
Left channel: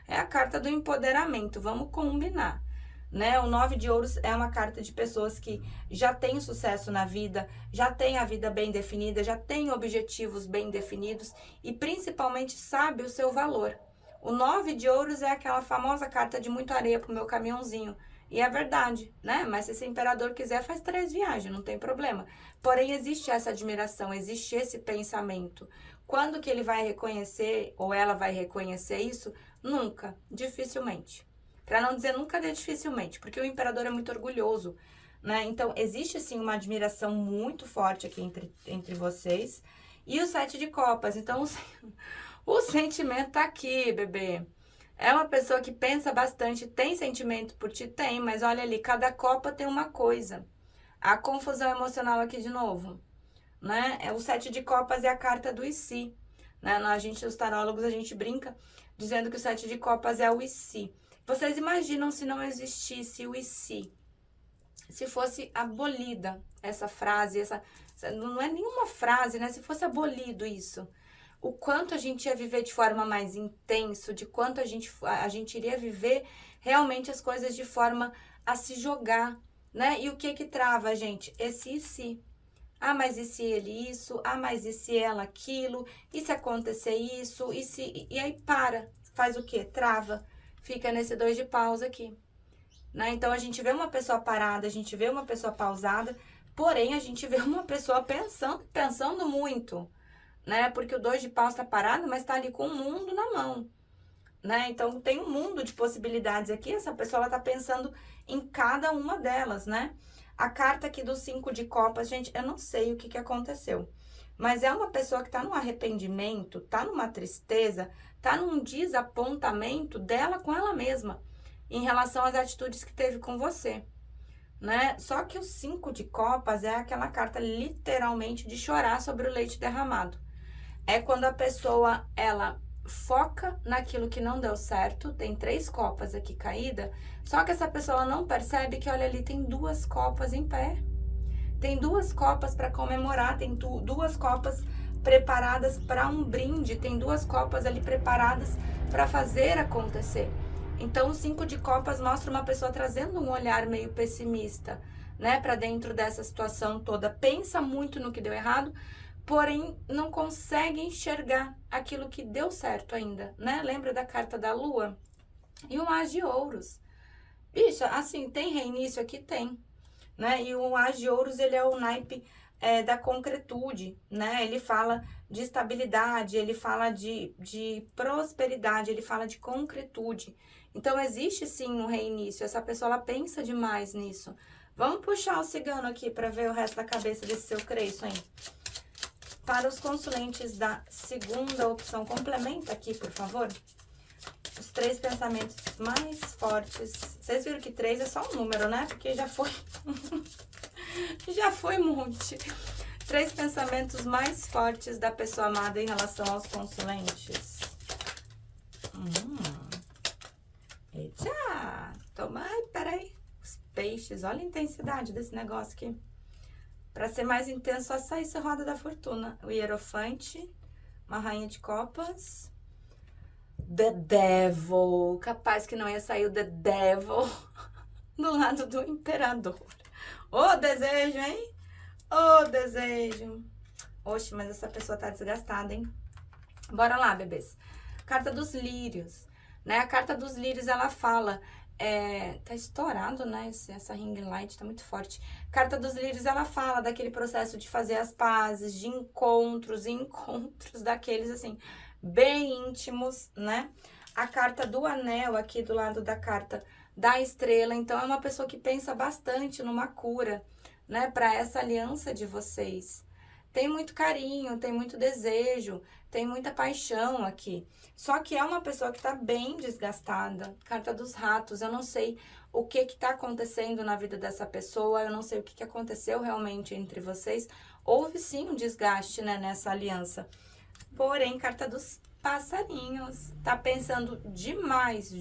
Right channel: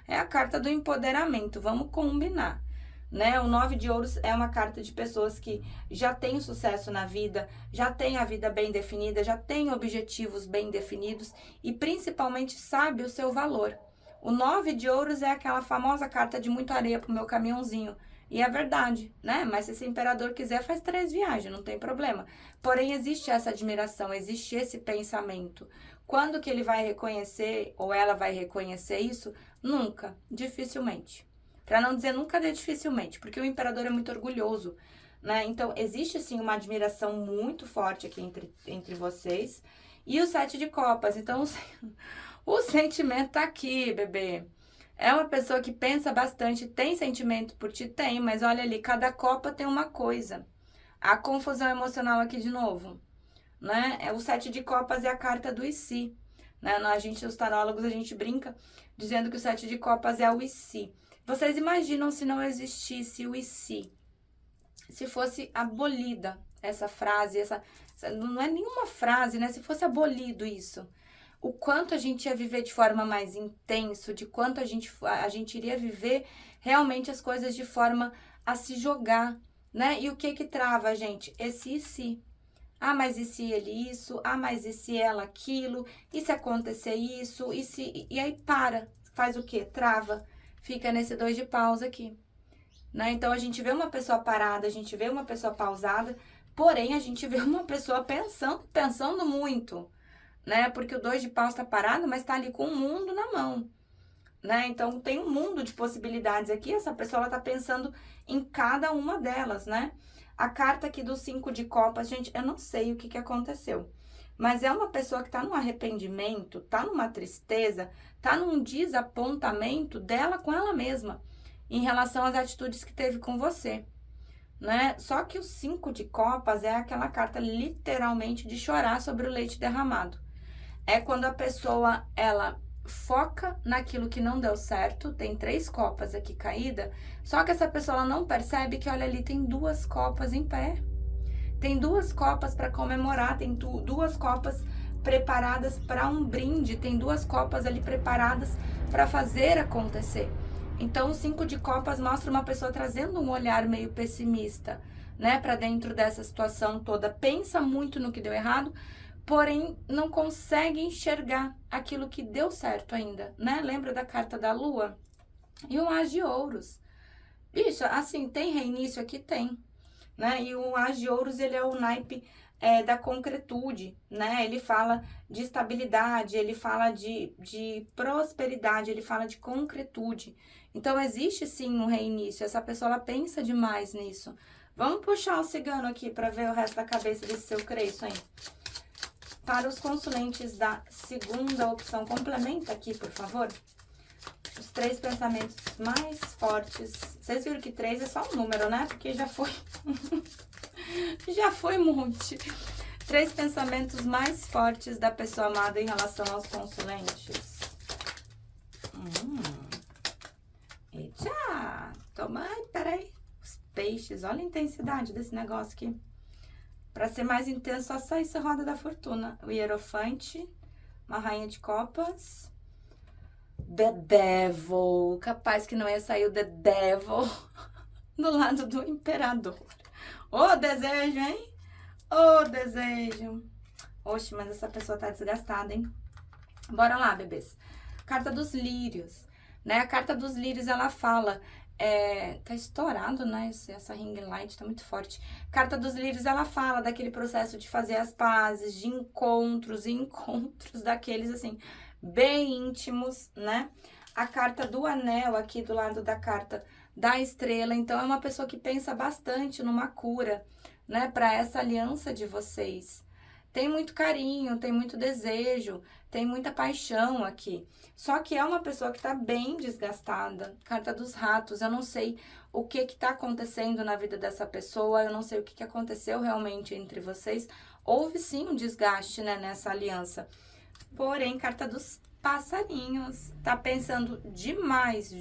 é a carta do empoderamento, vamos combinar, né? O 9 de ouros é uma carta de pessoas que já têm sucesso na vida, já têm a vida bem definida, já têm objetivos bem definidos e principalmente sabe o seu valor. O 9 de ouros é aquela famosa carta de muita areia pro meu caminhãozinho. E é verdade, né? Mas se esse imperador quiser, faz 3 viagens, não tem problema. Porém, existe essa admiração, existe esse pensamento. Quando que ele vai reconhecer, ou ela vai reconhecer isso? Nunca, dificilmente. Para não dizer nunca, dificilmente, porque o imperador é muito orgulhoso, né? Então, existe sim uma admiração muito forte aqui entre vocês. E o 7 de copas, então o sentimento tá aqui, bebê. É uma pessoa que pensa bastante, tem sentimento por ti? Tem, mas olha ali, cada copa tem uma coisa. A confusão emocional aqui de novo, né? O 7 de copas é a carta do e se, né? Os tarólogos, a gente brinca dizendo que o 7 de copas é o e se. Vocês imaginam se não existisse o e se? Se fosse abolida essa frase, não é nenhuma frase, né? Se fosse abolido isso, o quanto a gente ia viver de forma mais intenso, de quanto a gente iria viver realmente as coisas de forma a se jogar, né? E o que trava a gente? Esse e se. Ah, mas e se ele isso? Ah, mas e se ela aquilo? E se acontecer isso? E aí para, faz o quê? Trava, fica nesse 2 de paus aqui, né? Então a gente vê uma pessoa parada, a gente vê uma pessoa pausada, porém a gente vê uma pessoa pensando muito, né? Porque o 2 de paus tá parado, mas tá ali com o mundo na mão, né? Então tem um mundo de possibilidades aqui, essa pessoa ela tá pensando em cada uma delas, né? A carta aqui do 5 de copas, gente, eu não sei o que aconteceu, mas é uma pessoa que tá num arrependimento, tá numa tristeza, tá num desapontamento dela com ela mesma, em relação às atitudes que teve com você, né? Só que o 5 de copas é aquela carta literalmente de chorar sobre o leite derramado. É quando a pessoa, ela foca naquilo que não deu certo, tem 3 copas aqui caída, só que essa pessoa ela não percebe que, olha ali, tem 2 copas em pé. Tem 2 copas para comemorar, tem 2 copas preparadas para um brinde, tem 2 copas ali preparadas para fazer acontecer. Então, o 5 de copas mostra uma pessoa trazendo um olhar meio pessimista, né, para dentro dessa situação toda. Pensa muito no que deu errado, porém não consegue enxergar aquilo que deu certo ainda, né? Lembra da carta da lua? E o as de ouros. Bicho, assim, tem reinício aqui? Tem, né? E o as de ouros, ele é o naipe da concretude, né? Ele fala de estabilidade, ele fala de prosperidade, ele fala de concretude. Então, existe sim um reinício, essa pessoa, ela pensa demais nisso. Vamos puxar o cigano aqui para ver o resto da cabeça desse seu cresço, hein? Para os consulentes da segunda opção, complementa aqui, por favor. os 3 pensamentos mais fortes. Vocês viram que 3 é só um número, né? Porque já foi... já foi um monte. 3 pensamentos mais fortes da pessoa amada em relação aos consulentes. Eita! Toma, ai, peraí. Os peixes, olha a intensidade desse negócio aqui. Pra ser mais intenso, só sai essa roda da fortuna. O hierofante, uma rainha de copas. The Devil. Capaz que não ia sair o The Devil do lado do imperador. Ô, desejo, hein? Ô, desejo. Oxe, mas essa pessoa tá desgastada, hein? Bora lá, bebês. Carta dos lírios, né? A carta dos lírios, ela fala... tá estourado, né? Essa ring light tá muito forte. Carta dos lírios, ela fala daquele processo de fazer as pazes, de encontros daqueles, assim, bem íntimos, né? A carta do anel aqui do lado da carta da estrela. Então, é uma pessoa que pensa bastante numa cura, né? Para essa aliança de vocês. Tem muito carinho, tem muito desejo, tem muita paixão aqui. Só que é uma pessoa que tá bem desgastada. Carta dos ratos, eu não sei o que tá acontecendo na vida dessa pessoa, eu não sei o que aconteceu realmente entre vocês. Houve sim um desgaste, né, nessa aliança. Porém, carta dos passarinhos, tá pensando demais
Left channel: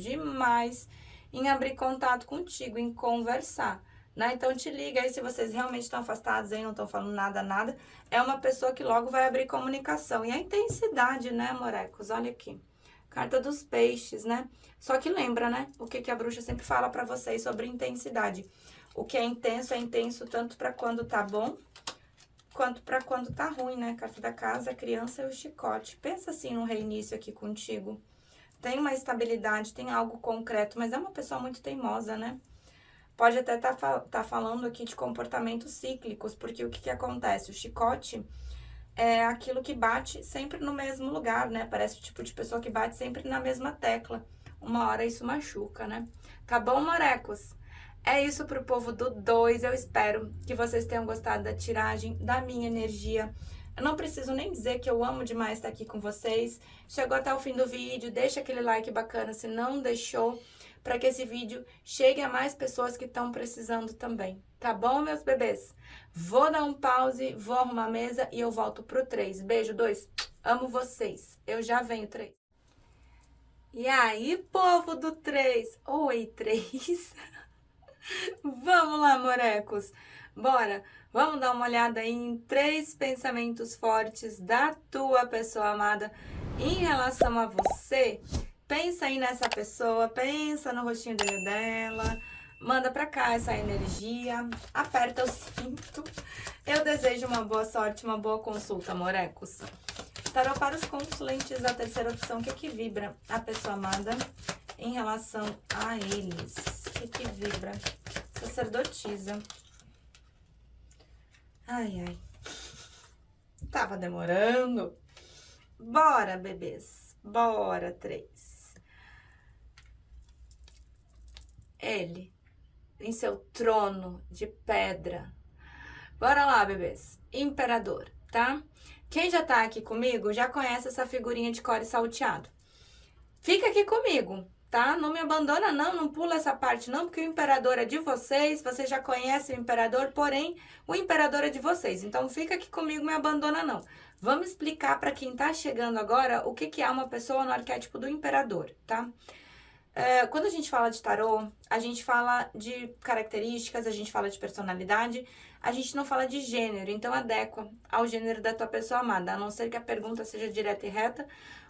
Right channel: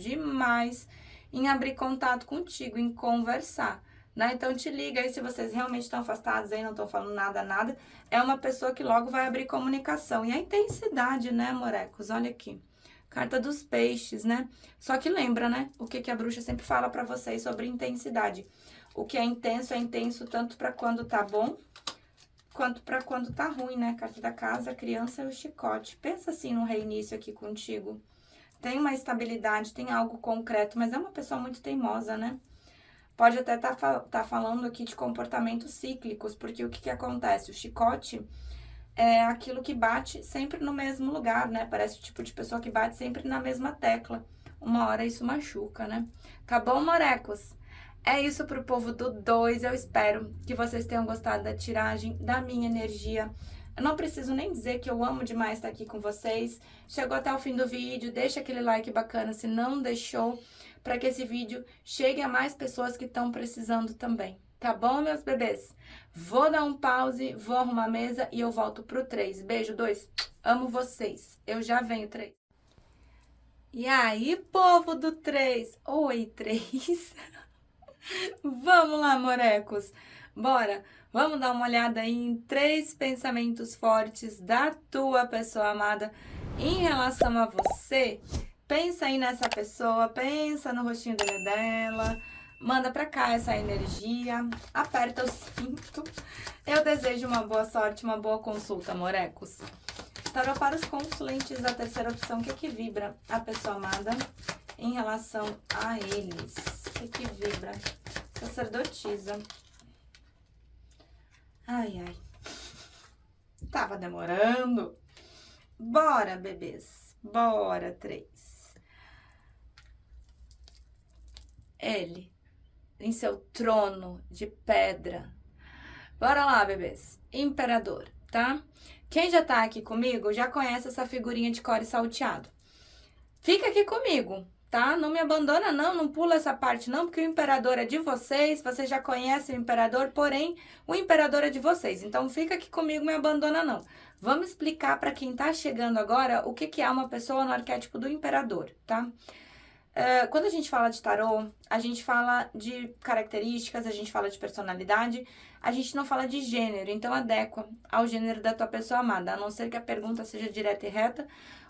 em abrir contato contigo, em conversar, né? Então, te liga aí se vocês realmente estão afastados aí, não estão falando nada. É uma pessoa que logo vai abrir comunicação. E a intensidade, né, morecos? Olha aqui. Carta dos peixes, né? Só que lembra, né? O que a bruxa sempre fala pra vocês sobre intensidade. O que é intenso tanto pra quando tá bom, quanto pra quando tá ruim, né? Carta da casa, a criança e o chicote. Pensa assim no reinício aqui contigo. Tem uma estabilidade, tem algo concreto, mas é uma pessoa muito teimosa, né? Pode até tá falando aqui de comportamentos cíclicos, porque o que acontece? O chicote é aquilo que bate sempre no mesmo lugar, né? Parece o tipo de pessoa que bate sempre na mesma tecla. Uma hora isso machuca, né? Tá bom, morecos? É isso pro povo do 2. Eu espero que vocês tenham gostado da tiragem, da minha energia. Eu não preciso nem dizer que eu amo demais estar aqui com vocês. Chegou até o fim do vídeo, deixa aquele like bacana se não deixou, para que esse vídeo chegue a mais pessoas que estão precisando também. Tá bom, meus bebês? Vou dar um pause, vou arrumar a mesa e eu volto pro 3. Beijo, 2. Amo vocês. Eu já venho, 3. E aí, povo do 3? Oi, 3. Vamos lá, morecos. Bora. Vamos dar uma olhada aí em 3 pensamentos fortes da tua pessoa amada em relação a você. Pensa aí nessa pessoa, pensa no rostinho dela, manda pra cá essa energia, aperta o cinto. Eu desejo uma boa sorte, uma boa consulta, morecos. Tarô para os consulentes da terceira opção, o que vibra a pessoa amada em relação a eles? O que vibra? Sacerdotisa. Ai. Tava demorando. Bora, bebês. Bora, 3. Ele, em seu trono de pedra. Bora lá, bebês. Imperador, tá? Quem já tá aqui comigo já conhece essa figurinha de core salteado. Fica aqui comigo, tá? Não me abandona não pula essa parte não, porque o imperador é de vocês, você já conhece o imperador, porém, o imperador é de vocês. Então, fica aqui comigo, me abandona não. Vamos explicar para quem tá chegando agora o que é uma pessoa no arquétipo do imperador, tá? Quando a gente fala de tarô, a gente fala de características, a gente fala de personalidade, a gente não fala de gênero, então adequa ao gênero da tua pessoa amada, a não ser que a pergunta seja direta e reta,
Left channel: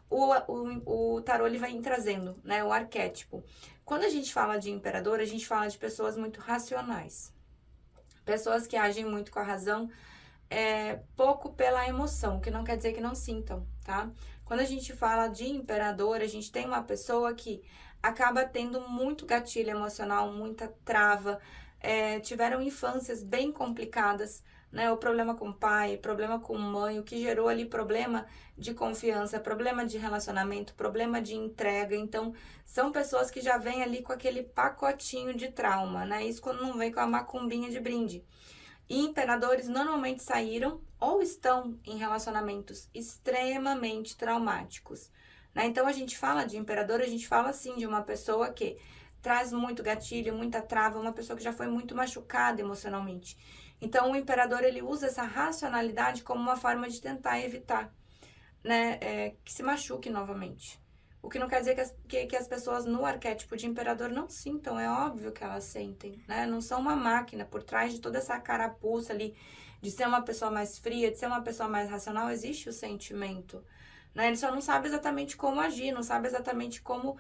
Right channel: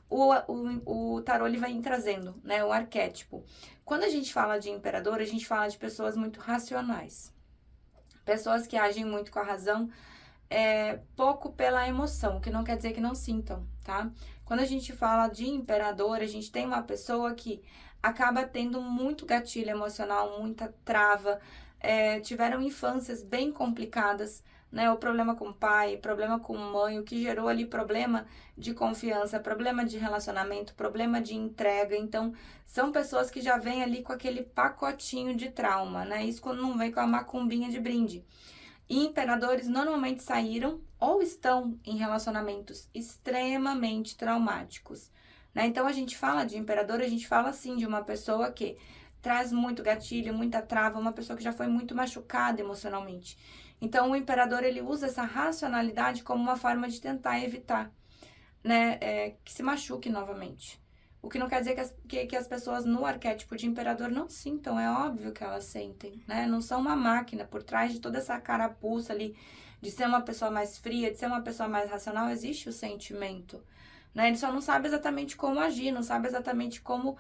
o tarô ele vai trazendo, né, o arquétipo. Quando a gente fala de imperador, a gente fala de pessoas muito racionais, pessoas que agem muito com a razão, pouco pela emoção, que não quer dizer que não sintam, tá? Quando a gente fala de imperador, a gente tem uma pessoa que acaba tendo muito gatilho emocional, muita trava, tiveram infâncias bem complicadas, né? O problema com o pai, problema com mãe, o que gerou ali problema de confiança, problema de relacionamento, problema de entrega. Então, são pessoas que já vêm ali com aquele pacotinho de trauma, né? Isso quando não vem com a macumbinha de brinde. E imperadores normalmente saíram ou estão em relacionamentos extremamente traumáticos, né? Então, a gente fala de imperador, a gente fala, assim, de uma pessoa que traz muito gatilho, muita trava, uma pessoa que já foi muito machucada emocionalmente. Então, o imperador, ele usa essa racionalidade como uma forma de tentar evitar, né, que se machuque novamente. O que não quer dizer que as pessoas no arquétipo de imperador não sintam, é óbvio que elas sentem, né? Não são uma máquina, por trás de toda essa carapuça ali, de ser uma pessoa mais fria, de ser uma pessoa mais racional, existe o sentimento, né? Ele só não sabe exatamente como agir, não sabe exatamente como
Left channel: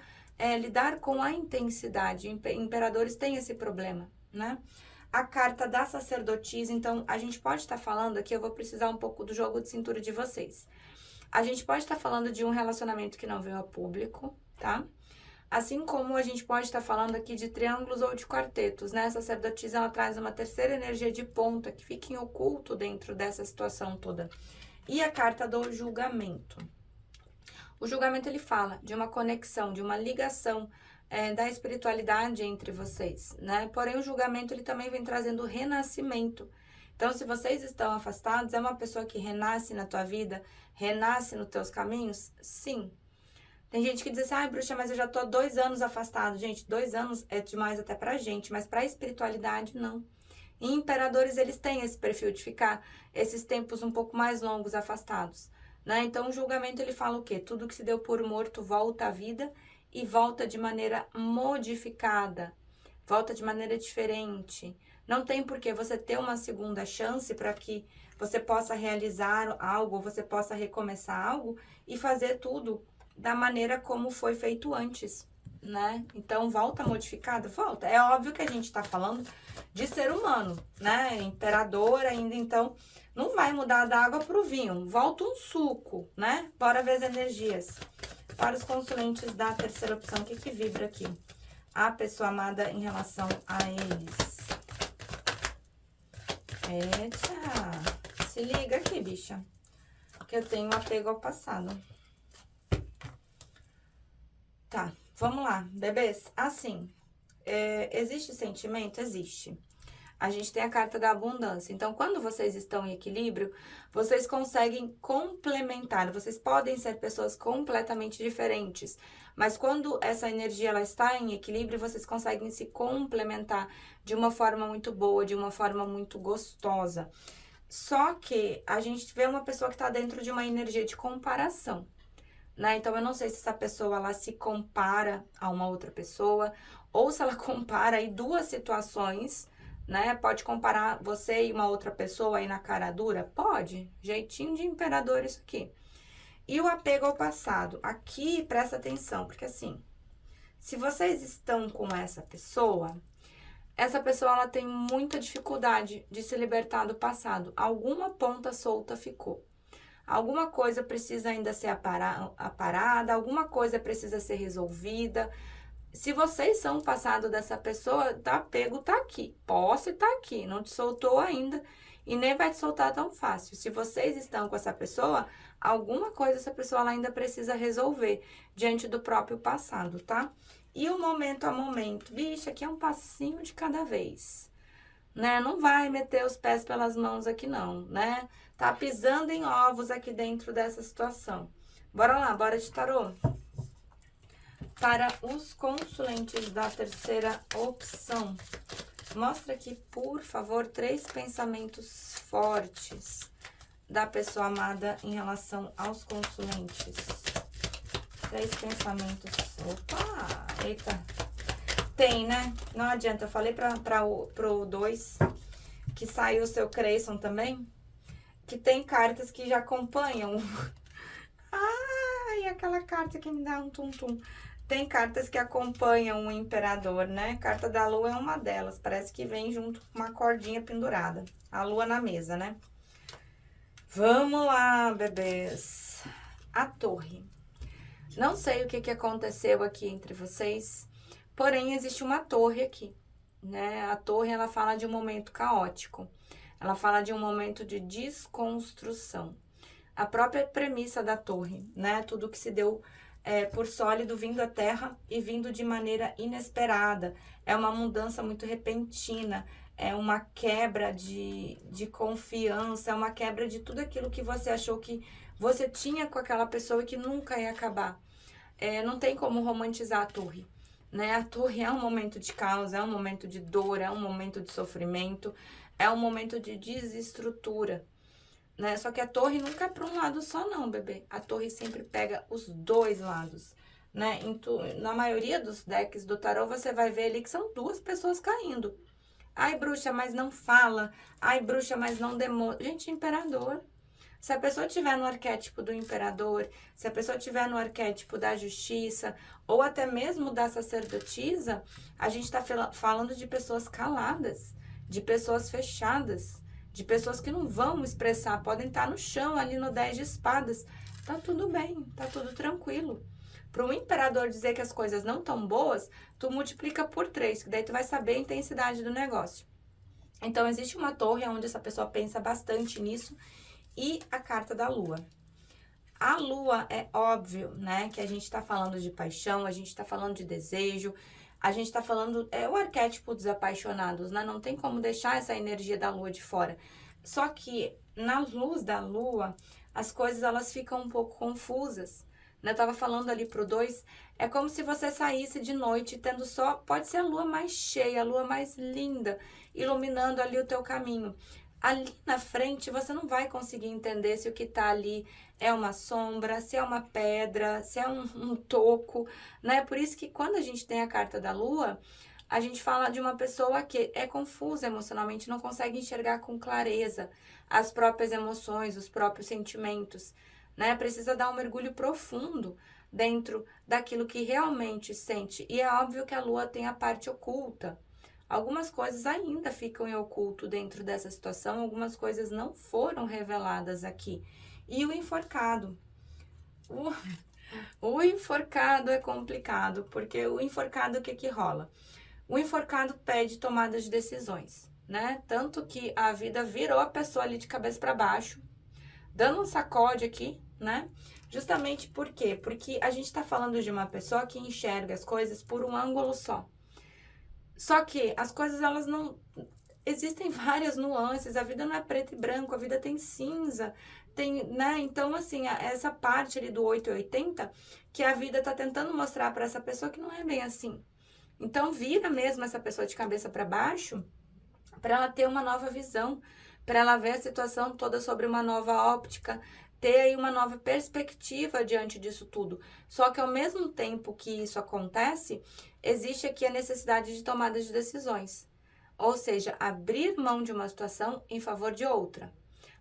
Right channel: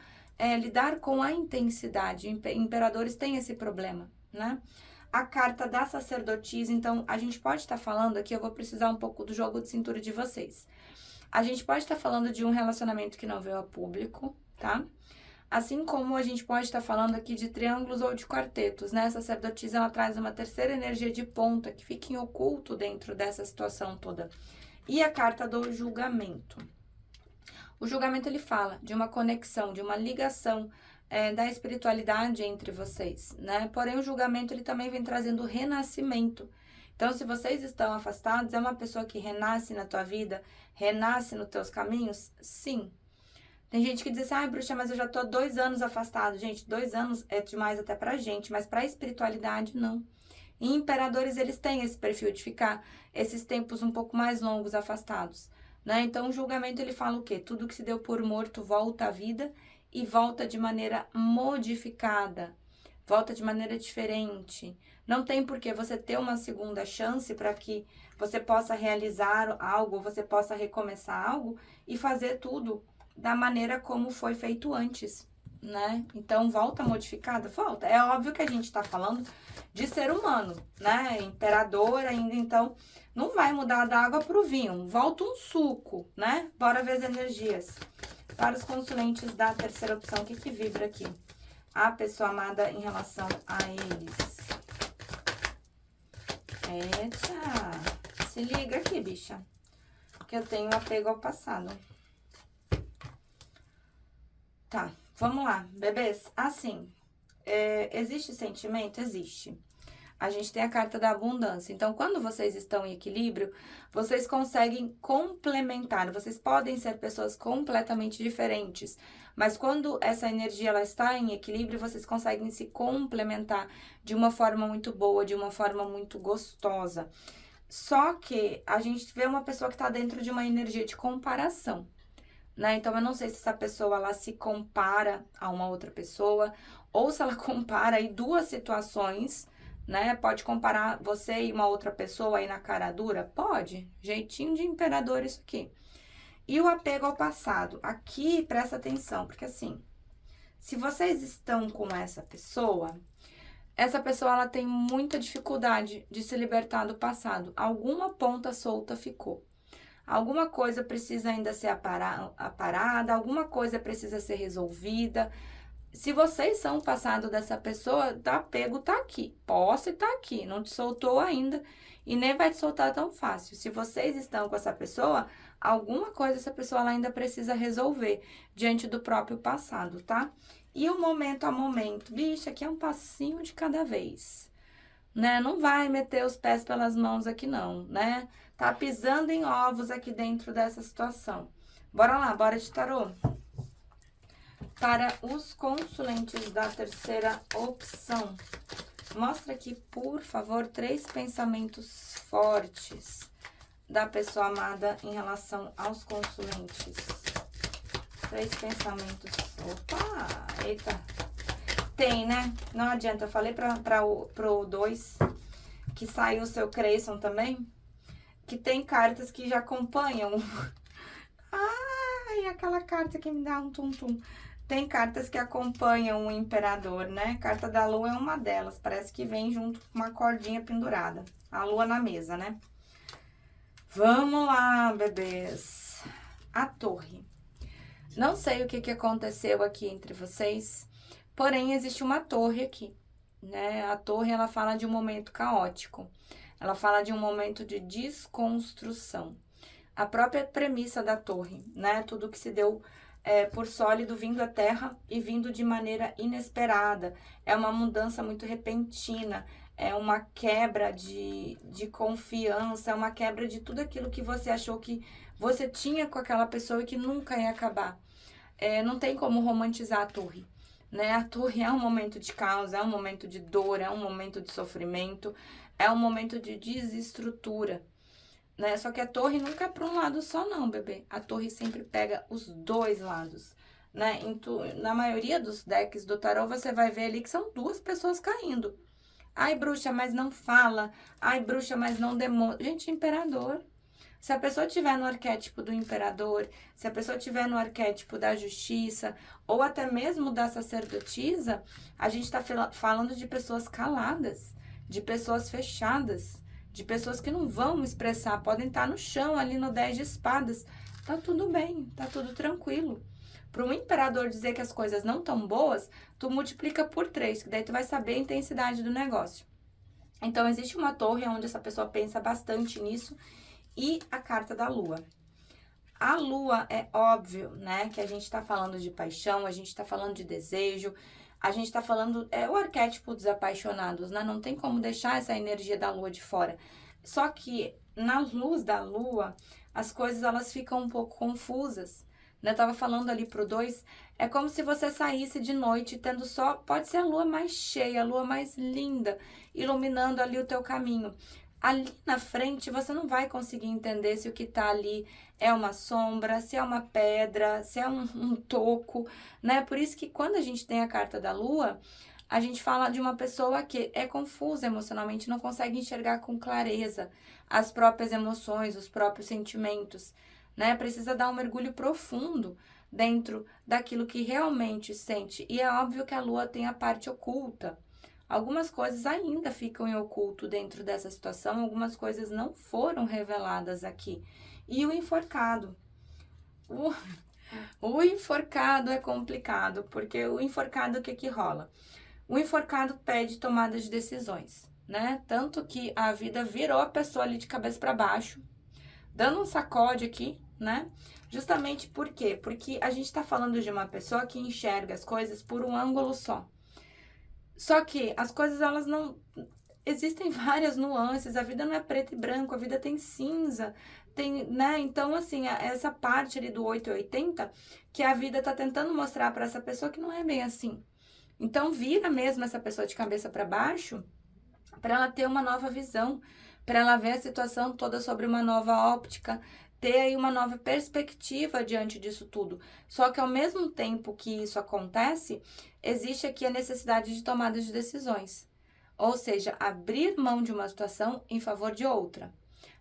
lidar com a intensidade. Imperadores têm esse problema, né? A carta da sacerdotisa, então, a gente pode estar falando aqui, eu vou precisar um pouco do jogo de cintura de vocês. A gente pode estar falando de um relacionamento que não veio a público, tá? Assim como a gente pode estar falando aqui de triângulos ou de quartetos, né? A sacerdotisa, ela traz uma terceira energia de ponta que fica em oculto dentro dessa situação toda. E a carta do julgamento. O julgamento, ele fala de uma conexão, de uma ligação da espiritualidade entre vocês, né? Porém, o julgamento, ele também vem trazendo renascimento. Então, se vocês estão afastados, é uma pessoa que renasce na tua vida, renasce nos teus caminhos? Sim. Tem gente que diz assim, ai, bruxa, mas eu já tô há 2 anos afastado. Gente, 2 anos é demais até pra gente, mas pra espiritualidade, não. E imperadores, eles têm esse perfil de ficar esses tempos um pouco mais longos afastados, né? Então, o julgamento, ele fala o quê? Tudo que se deu por morto volta à vida e volta de maneira modificada, volta de maneira diferente. Não tem por que você ter uma segunda chance para que você possa realizar algo, você possa recomeçar algo e fazer tudo da maneira como foi feito antes, né? Então, volta modificada? Volta. É óbvio que a gente tá falando de ser humano, né? Imperador ainda, então, não vai mudar da água pro vinho. Volta um suco, né? Bora ver as energias. Para os consulentes da terceira opção, o que vibra aqui? A pessoa amada em relação a eles. Eita! Se liga aqui, bicha. Que eu tenho apego ao passado. Tá, vamos lá, bebês. Assim, existe sentimento? Existe. A gente tem a carta da abundância. Então, quando vocês estão em equilíbrio, vocês conseguem complementar. Vocês podem ser pessoas completamente diferentes. Mas quando essa energia ela está em equilíbrio, vocês conseguem se complementar de uma forma muito boa, de uma forma muito gostosa. Só que a gente vê uma pessoa que está dentro de uma energia de comparação, né? Então, eu não sei se essa pessoa ela se compara a uma outra pessoa ou se ela compara aí 2 situações, né? Pode comparar você e uma outra pessoa aí na cara dura? Pode. Jeitinho de imperador isso aqui. E o apego ao passado. Aqui, presta atenção, porque assim, se vocês estão com essa pessoa ela tem muita dificuldade de se libertar do passado. Alguma ponta solta ficou. Alguma coisa precisa ainda ser aparada, alguma coisa precisa ser resolvida. Se vocês são o passado dessa pessoa, o apego tá aqui, posse tá aqui, não te soltou ainda e nem vai te soltar tão fácil. Se vocês estão com essa pessoa, alguma coisa essa pessoa ela ainda precisa resolver diante do próprio passado, tá? E o momento a momento, bicho, aqui é um passinho de cada vez, né? Não vai meter os pés pelas mãos aqui não, né? Tá pisando em ovos aqui dentro dessa situação. Bora lá, bora de tarô. Para os consulentes da terceira opção, mostra aqui, por favor, 3 pensamentos fortes da pessoa amada em relação aos consulentes. 3 pensamentos. Opa, eita. Tem, né? Não adianta. Eu falei pro 2 que saiu o seu Creyson também, que tem cartas que já acompanham. Ai, aquela carta que me dá um tum-tum. Tem cartas que acompanham o imperador, né? Carta da lua é uma delas. Parece que vem junto com uma cordinha pendurada. A lua na mesa, né? Vamos lá, bebês. A torre. Não sei o que aconteceu aqui entre vocês, porém existe uma torre aqui, né? A torre, ela fala de um momento caótico. Ela fala de um momento de desconstrução. A própria premissa da torre, né? Tudo que se deu por sólido vindo à terra e vindo de maneira inesperada. É uma mudança muito repentina, é uma quebra de confiança, é uma quebra de tudo aquilo que você achou que você tinha com aquela pessoa e que nunca ia acabar. não tem como romantizar a torre, né? A torre é um momento de caos, é um momento de dor, é um momento de sofrimento, é um momento de desestrutura, né? Só que a torre nunca é para um lado só não, bebê. A torre sempre pega os dois lados, né? Na maioria dos decks do tarô, você vai ver ali que são duas pessoas caindo. Ai, bruxa, mas não fala. Ai, bruxa, mas não demonstra. Gente, imperador. Se a pessoa estiver no arquétipo do imperador, se a pessoa estiver no arquétipo da justiça, ou até mesmo da sacerdotisa, a gente está falando de pessoas caladas, de pessoas fechadas, de pessoas que não vão expressar, podem estar no chão ali no 10 de espadas. Tá tudo bem, tá tudo tranquilo. Para um imperador dizer que as coisas não estão boas, tu multiplica por 3, que daí tu vai saber a intensidade do negócio. Então, existe uma torre onde essa pessoa pensa bastante nisso e a carta da lua. A lua é óbvio, né, que a gente tá falando de paixão, a gente tá falando de desejo, a gente tá falando, é o arquétipo dos apaixonados, né, não tem como deixar essa energia da lua de fora. Só que na luz da lua, as coisas elas ficam um pouco confusas. Eu tava falando ali pro 2, é como se você saísse de noite tendo só, pode ser a lua mais cheia, a lua mais linda, iluminando ali o teu caminho. Ali na frente você não vai conseguir entender se o que tá ali é uma sombra, se é uma pedra, se é um toco, né? Por isso que quando a gente tem a carta da lua, a gente fala de uma pessoa que é confusa emocionalmente, não consegue enxergar com clareza as próprias emoções, os próprios sentimentos, né? Precisa dar um mergulho profundo dentro daquilo que realmente sente. E é óbvio que a lua tem a parte oculta. Algumas coisas ainda ficam em oculto dentro dessa situação, algumas coisas não foram reveladas aqui. E o enforcado? O enforcado é complicado, porque o enforcado, o que que rola? O enforcado pede tomada de decisões, né? Tanto que a vida virou a pessoa ali de cabeça para baixo, dando um sacode aqui, né? Justamente por quê? Porque a gente tá falando de uma pessoa que enxerga as coisas por um ângulo só. Só que as coisas, elas não... Existem várias nuances, a vida não é preto e branco, a vida tem cinza, tem, né? Então, assim, essa parte ali do 880, que a vida tá tentando mostrar para essa pessoa que não é bem assim. Então, vira mesmo essa pessoa de cabeça para baixo, para ela ter uma nova visão, para ela ver a situação toda sobre uma nova óptica, ter aí uma nova perspectiva diante disso tudo. Só que ao mesmo tempo que isso acontece, existe aqui a necessidade de tomada de decisões. Ou seja, abrir mão de uma situação em favor de outra.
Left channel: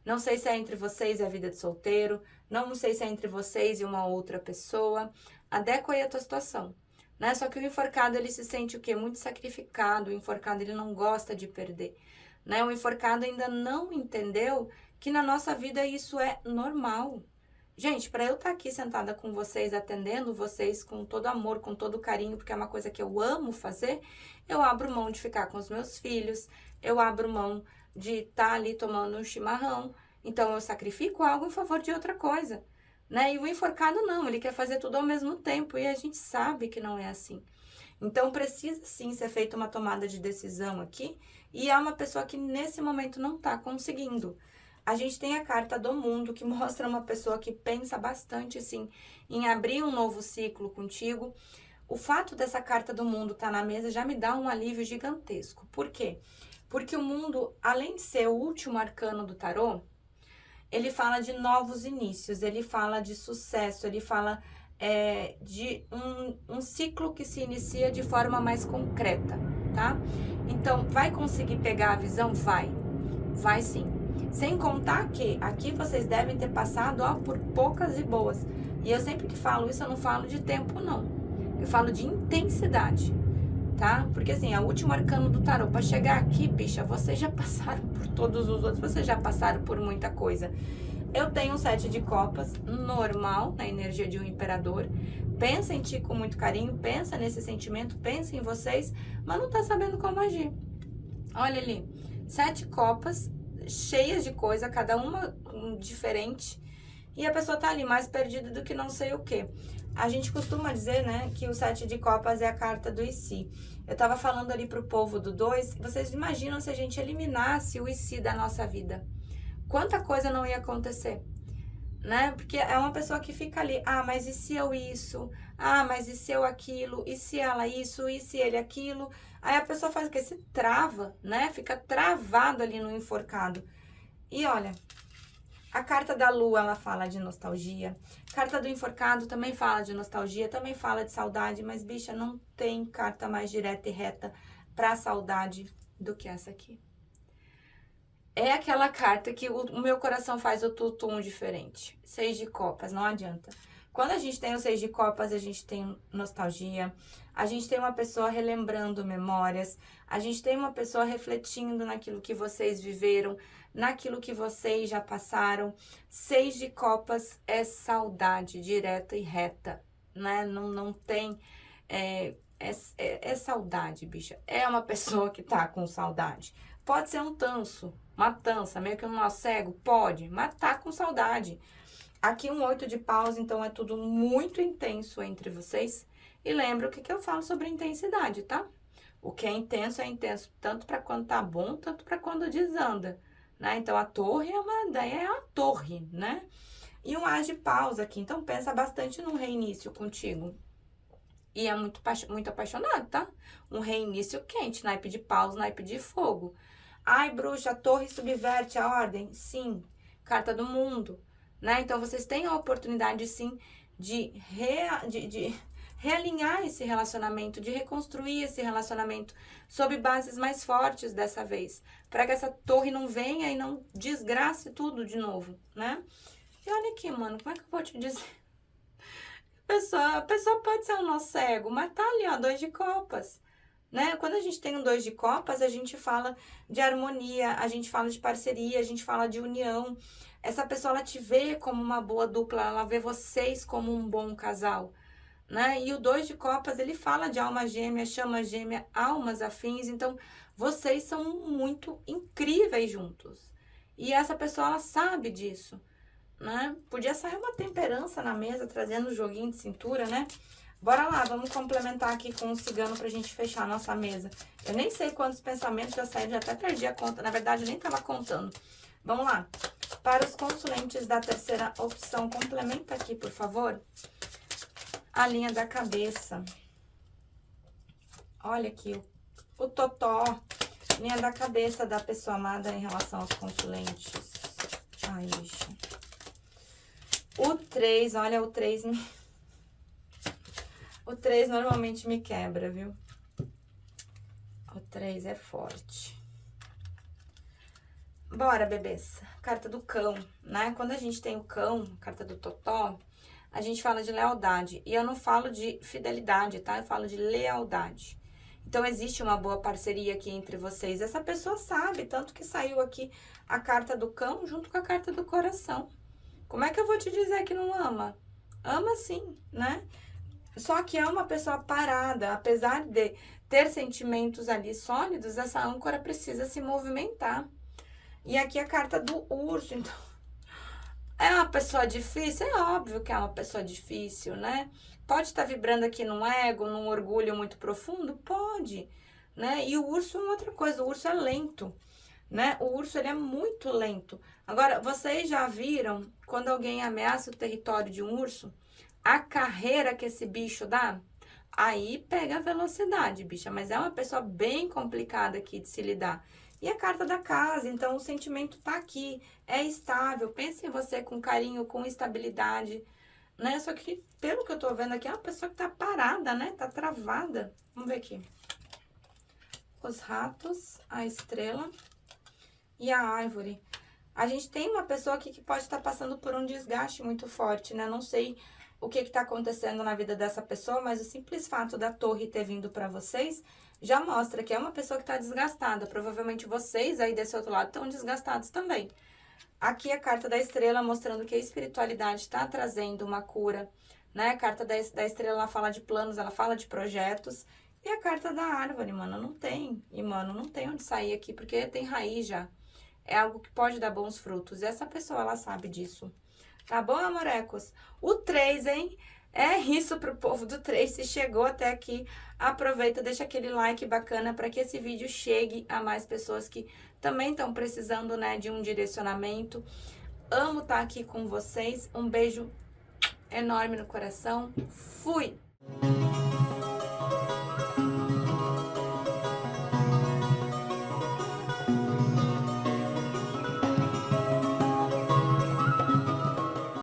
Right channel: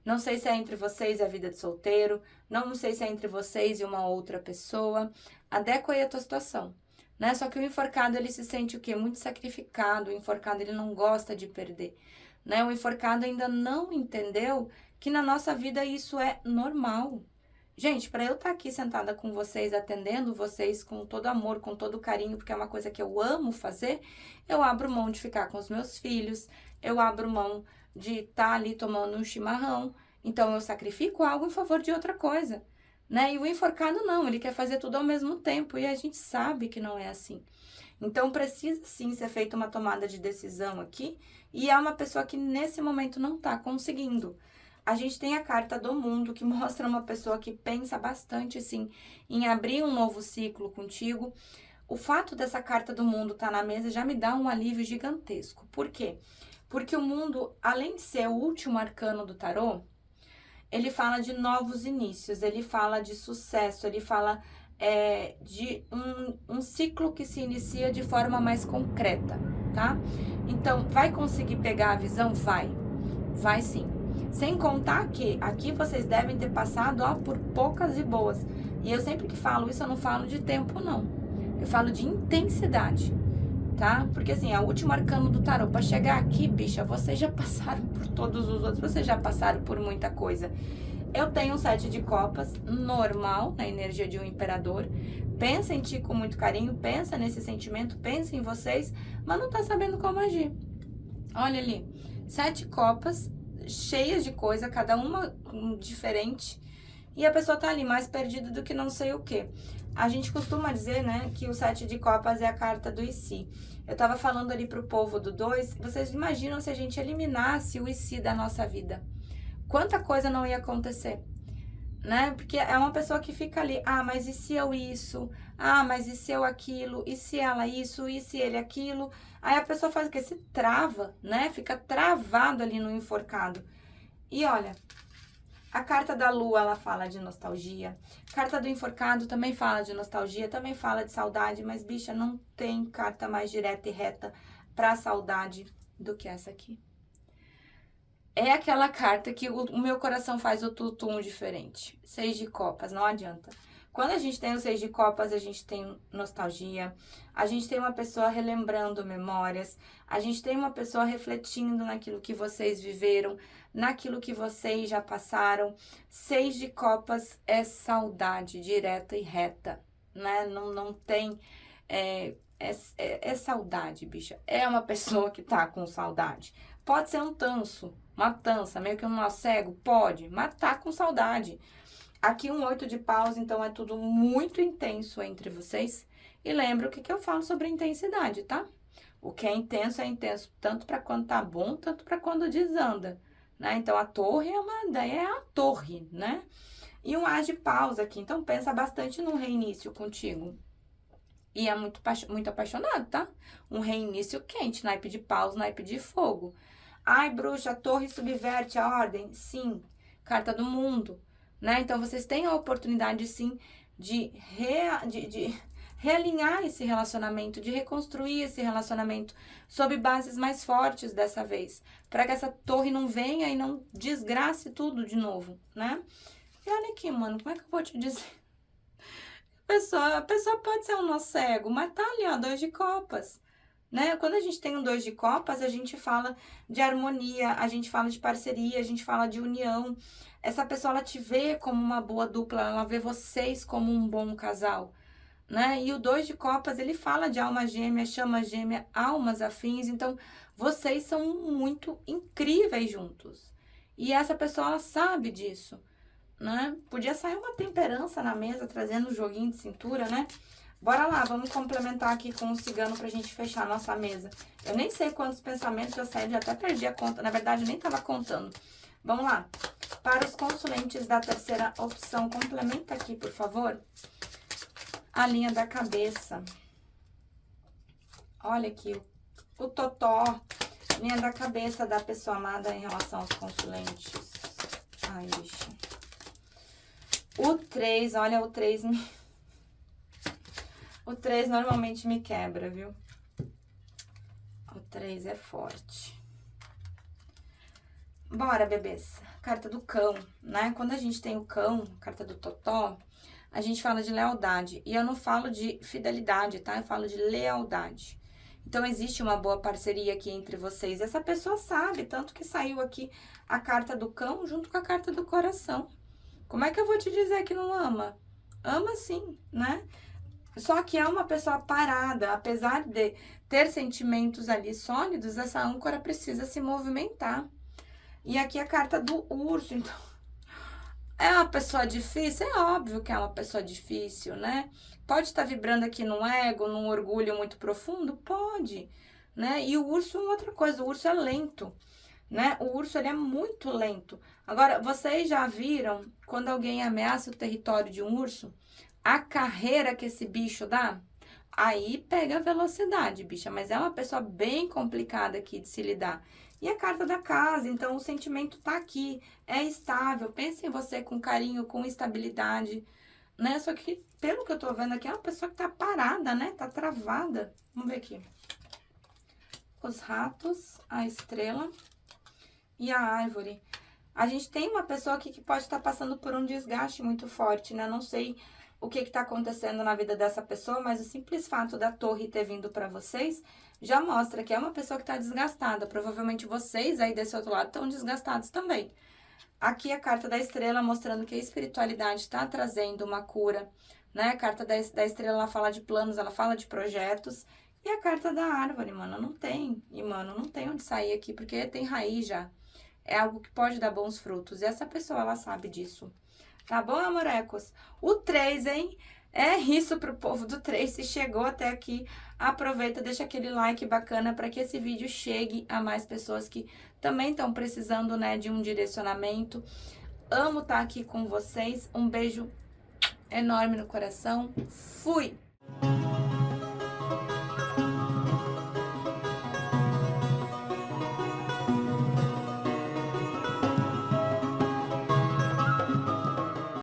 Não sei se é entre vocês e a vida de solteiro, não sei se é entre vocês e uma outra pessoa. Adequa aí a tua situação, né? Só que o enforcado, ele se sente o quê? Muito sacrificado. O enforcado, ele não gosta de perder, né? O enforcado ainda não entendeu que na nossa vida isso é normal. Gente, para eu estar aqui sentada com vocês, atendendo vocês com todo amor, com todo carinho, porque é uma coisa que eu amo fazer, eu abro mão de ficar com os meus filhos, eu abro mão de estar ali tomando um chimarrão, então eu sacrifico algo em favor de outra coisa, né? E o enforcado não, ele quer fazer tudo ao mesmo tempo, e a gente sabe que não é assim. Então precisa sim ser feita uma tomada de decisão aqui, e é uma pessoa que nesse momento não está conseguindo. A gente tem a carta do mundo, que mostra uma pessoa que pensa bastante, sim, em abrir um novo ciclo contigo. O fato dessa carta do mundo estar na mesa já me dá um alívio gigantesco. Por quê? Porque o mundo, além de ser o último arcano do tarô, ele fala de novos inícios, ele fala de sucesso, ele fala de um ciclo que se inicia de forma mais concreta, tá? Então, vai conseguir pegar a visão? Vai sim. Sem contar que aqui vocês devem ter passado, ó, por poucas e boas. E eu sempre que falo isso, eu não falo de tempo, não. Eu falo de intensidade, tá? Porque assim, a última arcano do tarô, pra chegar aqui, bicha, vocês já passaram por todos os outros, vocês já passaram por muita coisa. Eu tenho um 7 de copas, normal, na energia de um imperador. Pensa em ti com muito carinho, pensa nesse sentimento, pensa em vocês, mas não tá sabendo como agir. Olha ali, 7 copas, cheias de coisa, cada uma diferente, e a pessoa tá ali mais perdida do que não sei o que. A gente costuma dizer, né, que o 7 de copas é a carta do e se. Eu tava falando ali pro povo do 2, vocês imaginam se a gente eliminasse o e se da nossa vida? Quanta coisa não ia acontecer, né? Porque é uma pessoa que fica ali, ah, mas e se eu isso? Ah, mas e se eu aquilo? E se ela isso? E se ele aquilo? Aí a pessoa faz o quê? Se trava, né? Fica travado ali no enforcado. E olha, a carta da lua, ela fala de nostalgia. Carta do enforcado também fala de nostalgia, também fala de saudade, mas, bicha, não tem carta mais direta e reta pra saudade do que essa aqui. É aquela carta que o meu coração faz o tutum diferente. 6 de copas, não adianta. Quando a gente tem o 6 de copas, a gente tem nostalgia, a gente tem uma pessoa relembrando memórias, a gente tem uma pessoa refletindo naquilo que vocês viveram, naquilo que vocês já passaram. 6 de copas é saudade direta e reta, né? Não tem. É saudade, bicha. É uma pessoa que tá com saudade. Pode ser um tanso, uma tança, meio que um nó cego, pode, mas tá com saudade. Aqui um 8 de paus, então é tudo muito intenso entre vocês. E lembra o que eu falo sobre intensidade, tá? O que é intenso tanto para quando tá bom, tanto para quando desanda, né? Então a torre é a torre, né? E um as de paus aqui, então pensa bastante num reinício contigo. E é muito apaixonado, tá? Um reinício quente, naipe de paus, naipe de fogo. Ai, bruxa, a torre subverte a ordem? Sim. Carta do mundo, né? Então, vocês têm a oportunidade, sim, de realinhar esse relacionamento, de reconstruir esse relacionamento sob bases mais fortes dessa vez. Para que essa torre não venha e não desgrace tudo de novo, né? E olha aqui, mano, como é que eu vou te dizer? A pessoa pode ser um nó cego, mas tá ali, ó, 2 de copas, né? Quando a gente tem um 2 de copas, a gente fala de harmonia, a gente fala de parceria, a gente fala de união. Essa pessoa, ela te vê como uma boa dupla, ela vê vocês como um bom casal, né? E o 2 de copas, ele fala de alma gêmea, chama gêmea, almas afins. Então, vocês são muito incríveis juntos. E essa pessoa, ela sabe disso, né? Podia sair uma temperança na mesa, trazendo um joguinho de cintura, né? Bora lá, vamos complementar aqui com o cigano pra gente fechar a nossa mesa. Eu nem sei quantos pensamentos já saíram, já até perdi a conta. Na verdade, eu nem tava contando. Vamos lá. Para os consulentes da terceira opção, complementa aqui, por favor, a linha da cabeça. Olha aqui, o totó, linha da cabeça da pessoa amada em relação aos consulentes. Ai, bicho. O 3, olha, o 3 O 3 normalmente me quebra, viu? O 3 é forte. Bora, bebês. Carta do cão, né? Quando a gente tem o cão, carta do totó, a gente fala de lealdade. E eu não falo de fidelidade, tá? Eu falo de lealdade. Então, existe uma boa parceria aqui entre vocês. Essa pessoa sabe, tanto que saiu aqui a carta do cão junto com a carta do coração. Como é que eu vou te dizer que não ama? Ama sim, né? Só que é uma pessoa parada, apesar de ter sentimentos ali sólidos, essa âncora precisa se movimentar. E aqui a carta do urso, então, é uma pessoa difícil? É óbvio que é uma pessoa difícil, né? Pode estar vibrando aqui num ego, num orgulho muito profundo? Pode, né? E o urso é outra coisa, o urso é lento, né? O urso, ele é muito lento. Agora, vocês já viram quando alguém ameaça o território de um urso? A carreira que esse bicho dá? Aí pega a velocidade, bicha, mas é uma pessoa bem complicada aqui de se lidar. E a carta da casa, então o sentimento tá aqui, é estável. Pense em você com carinho, com estabilidade, né? Só que, pelo que eu tô vendo aqui, é uma pessoa que tá parada, né? Tá travada. Vamos ver aqui. Os ratos, a estrela e a árvore. A gente tem uma pessoa aqui que pode estar passando por um desgaste muito forte, né? Não sei o que está acontecendo na vida dessa pessoa, mas o simples fato da torre ter vindo para vocês já mostra que é uma pessoa que está desgastada. Provavelmente vocês aí desse outro lado estão desgastados também. Aqui a carta da estrela mostrando que a espiritualidade está trazendo uma cura, né? A carta da estrela, ela fala de planos, ela fala de projetos. E a carta da árvore, mano, não tem. E, mano, não tem onde sair aqui, porque tem raiz já. É algo que pode dar bons frutos. E essa pessoa, ela sabe disso. Tá bom, amorecos? O 3, hein? É isso pro povo do 3. Se chegou até aqui, aproveita, deixa aquele like bacana para que esse vídeo chegue a mais pessoas que também estão precisando, né, de um direcionamento. amo estar aqui com vocês. Um beijo enorme no coração. Fui!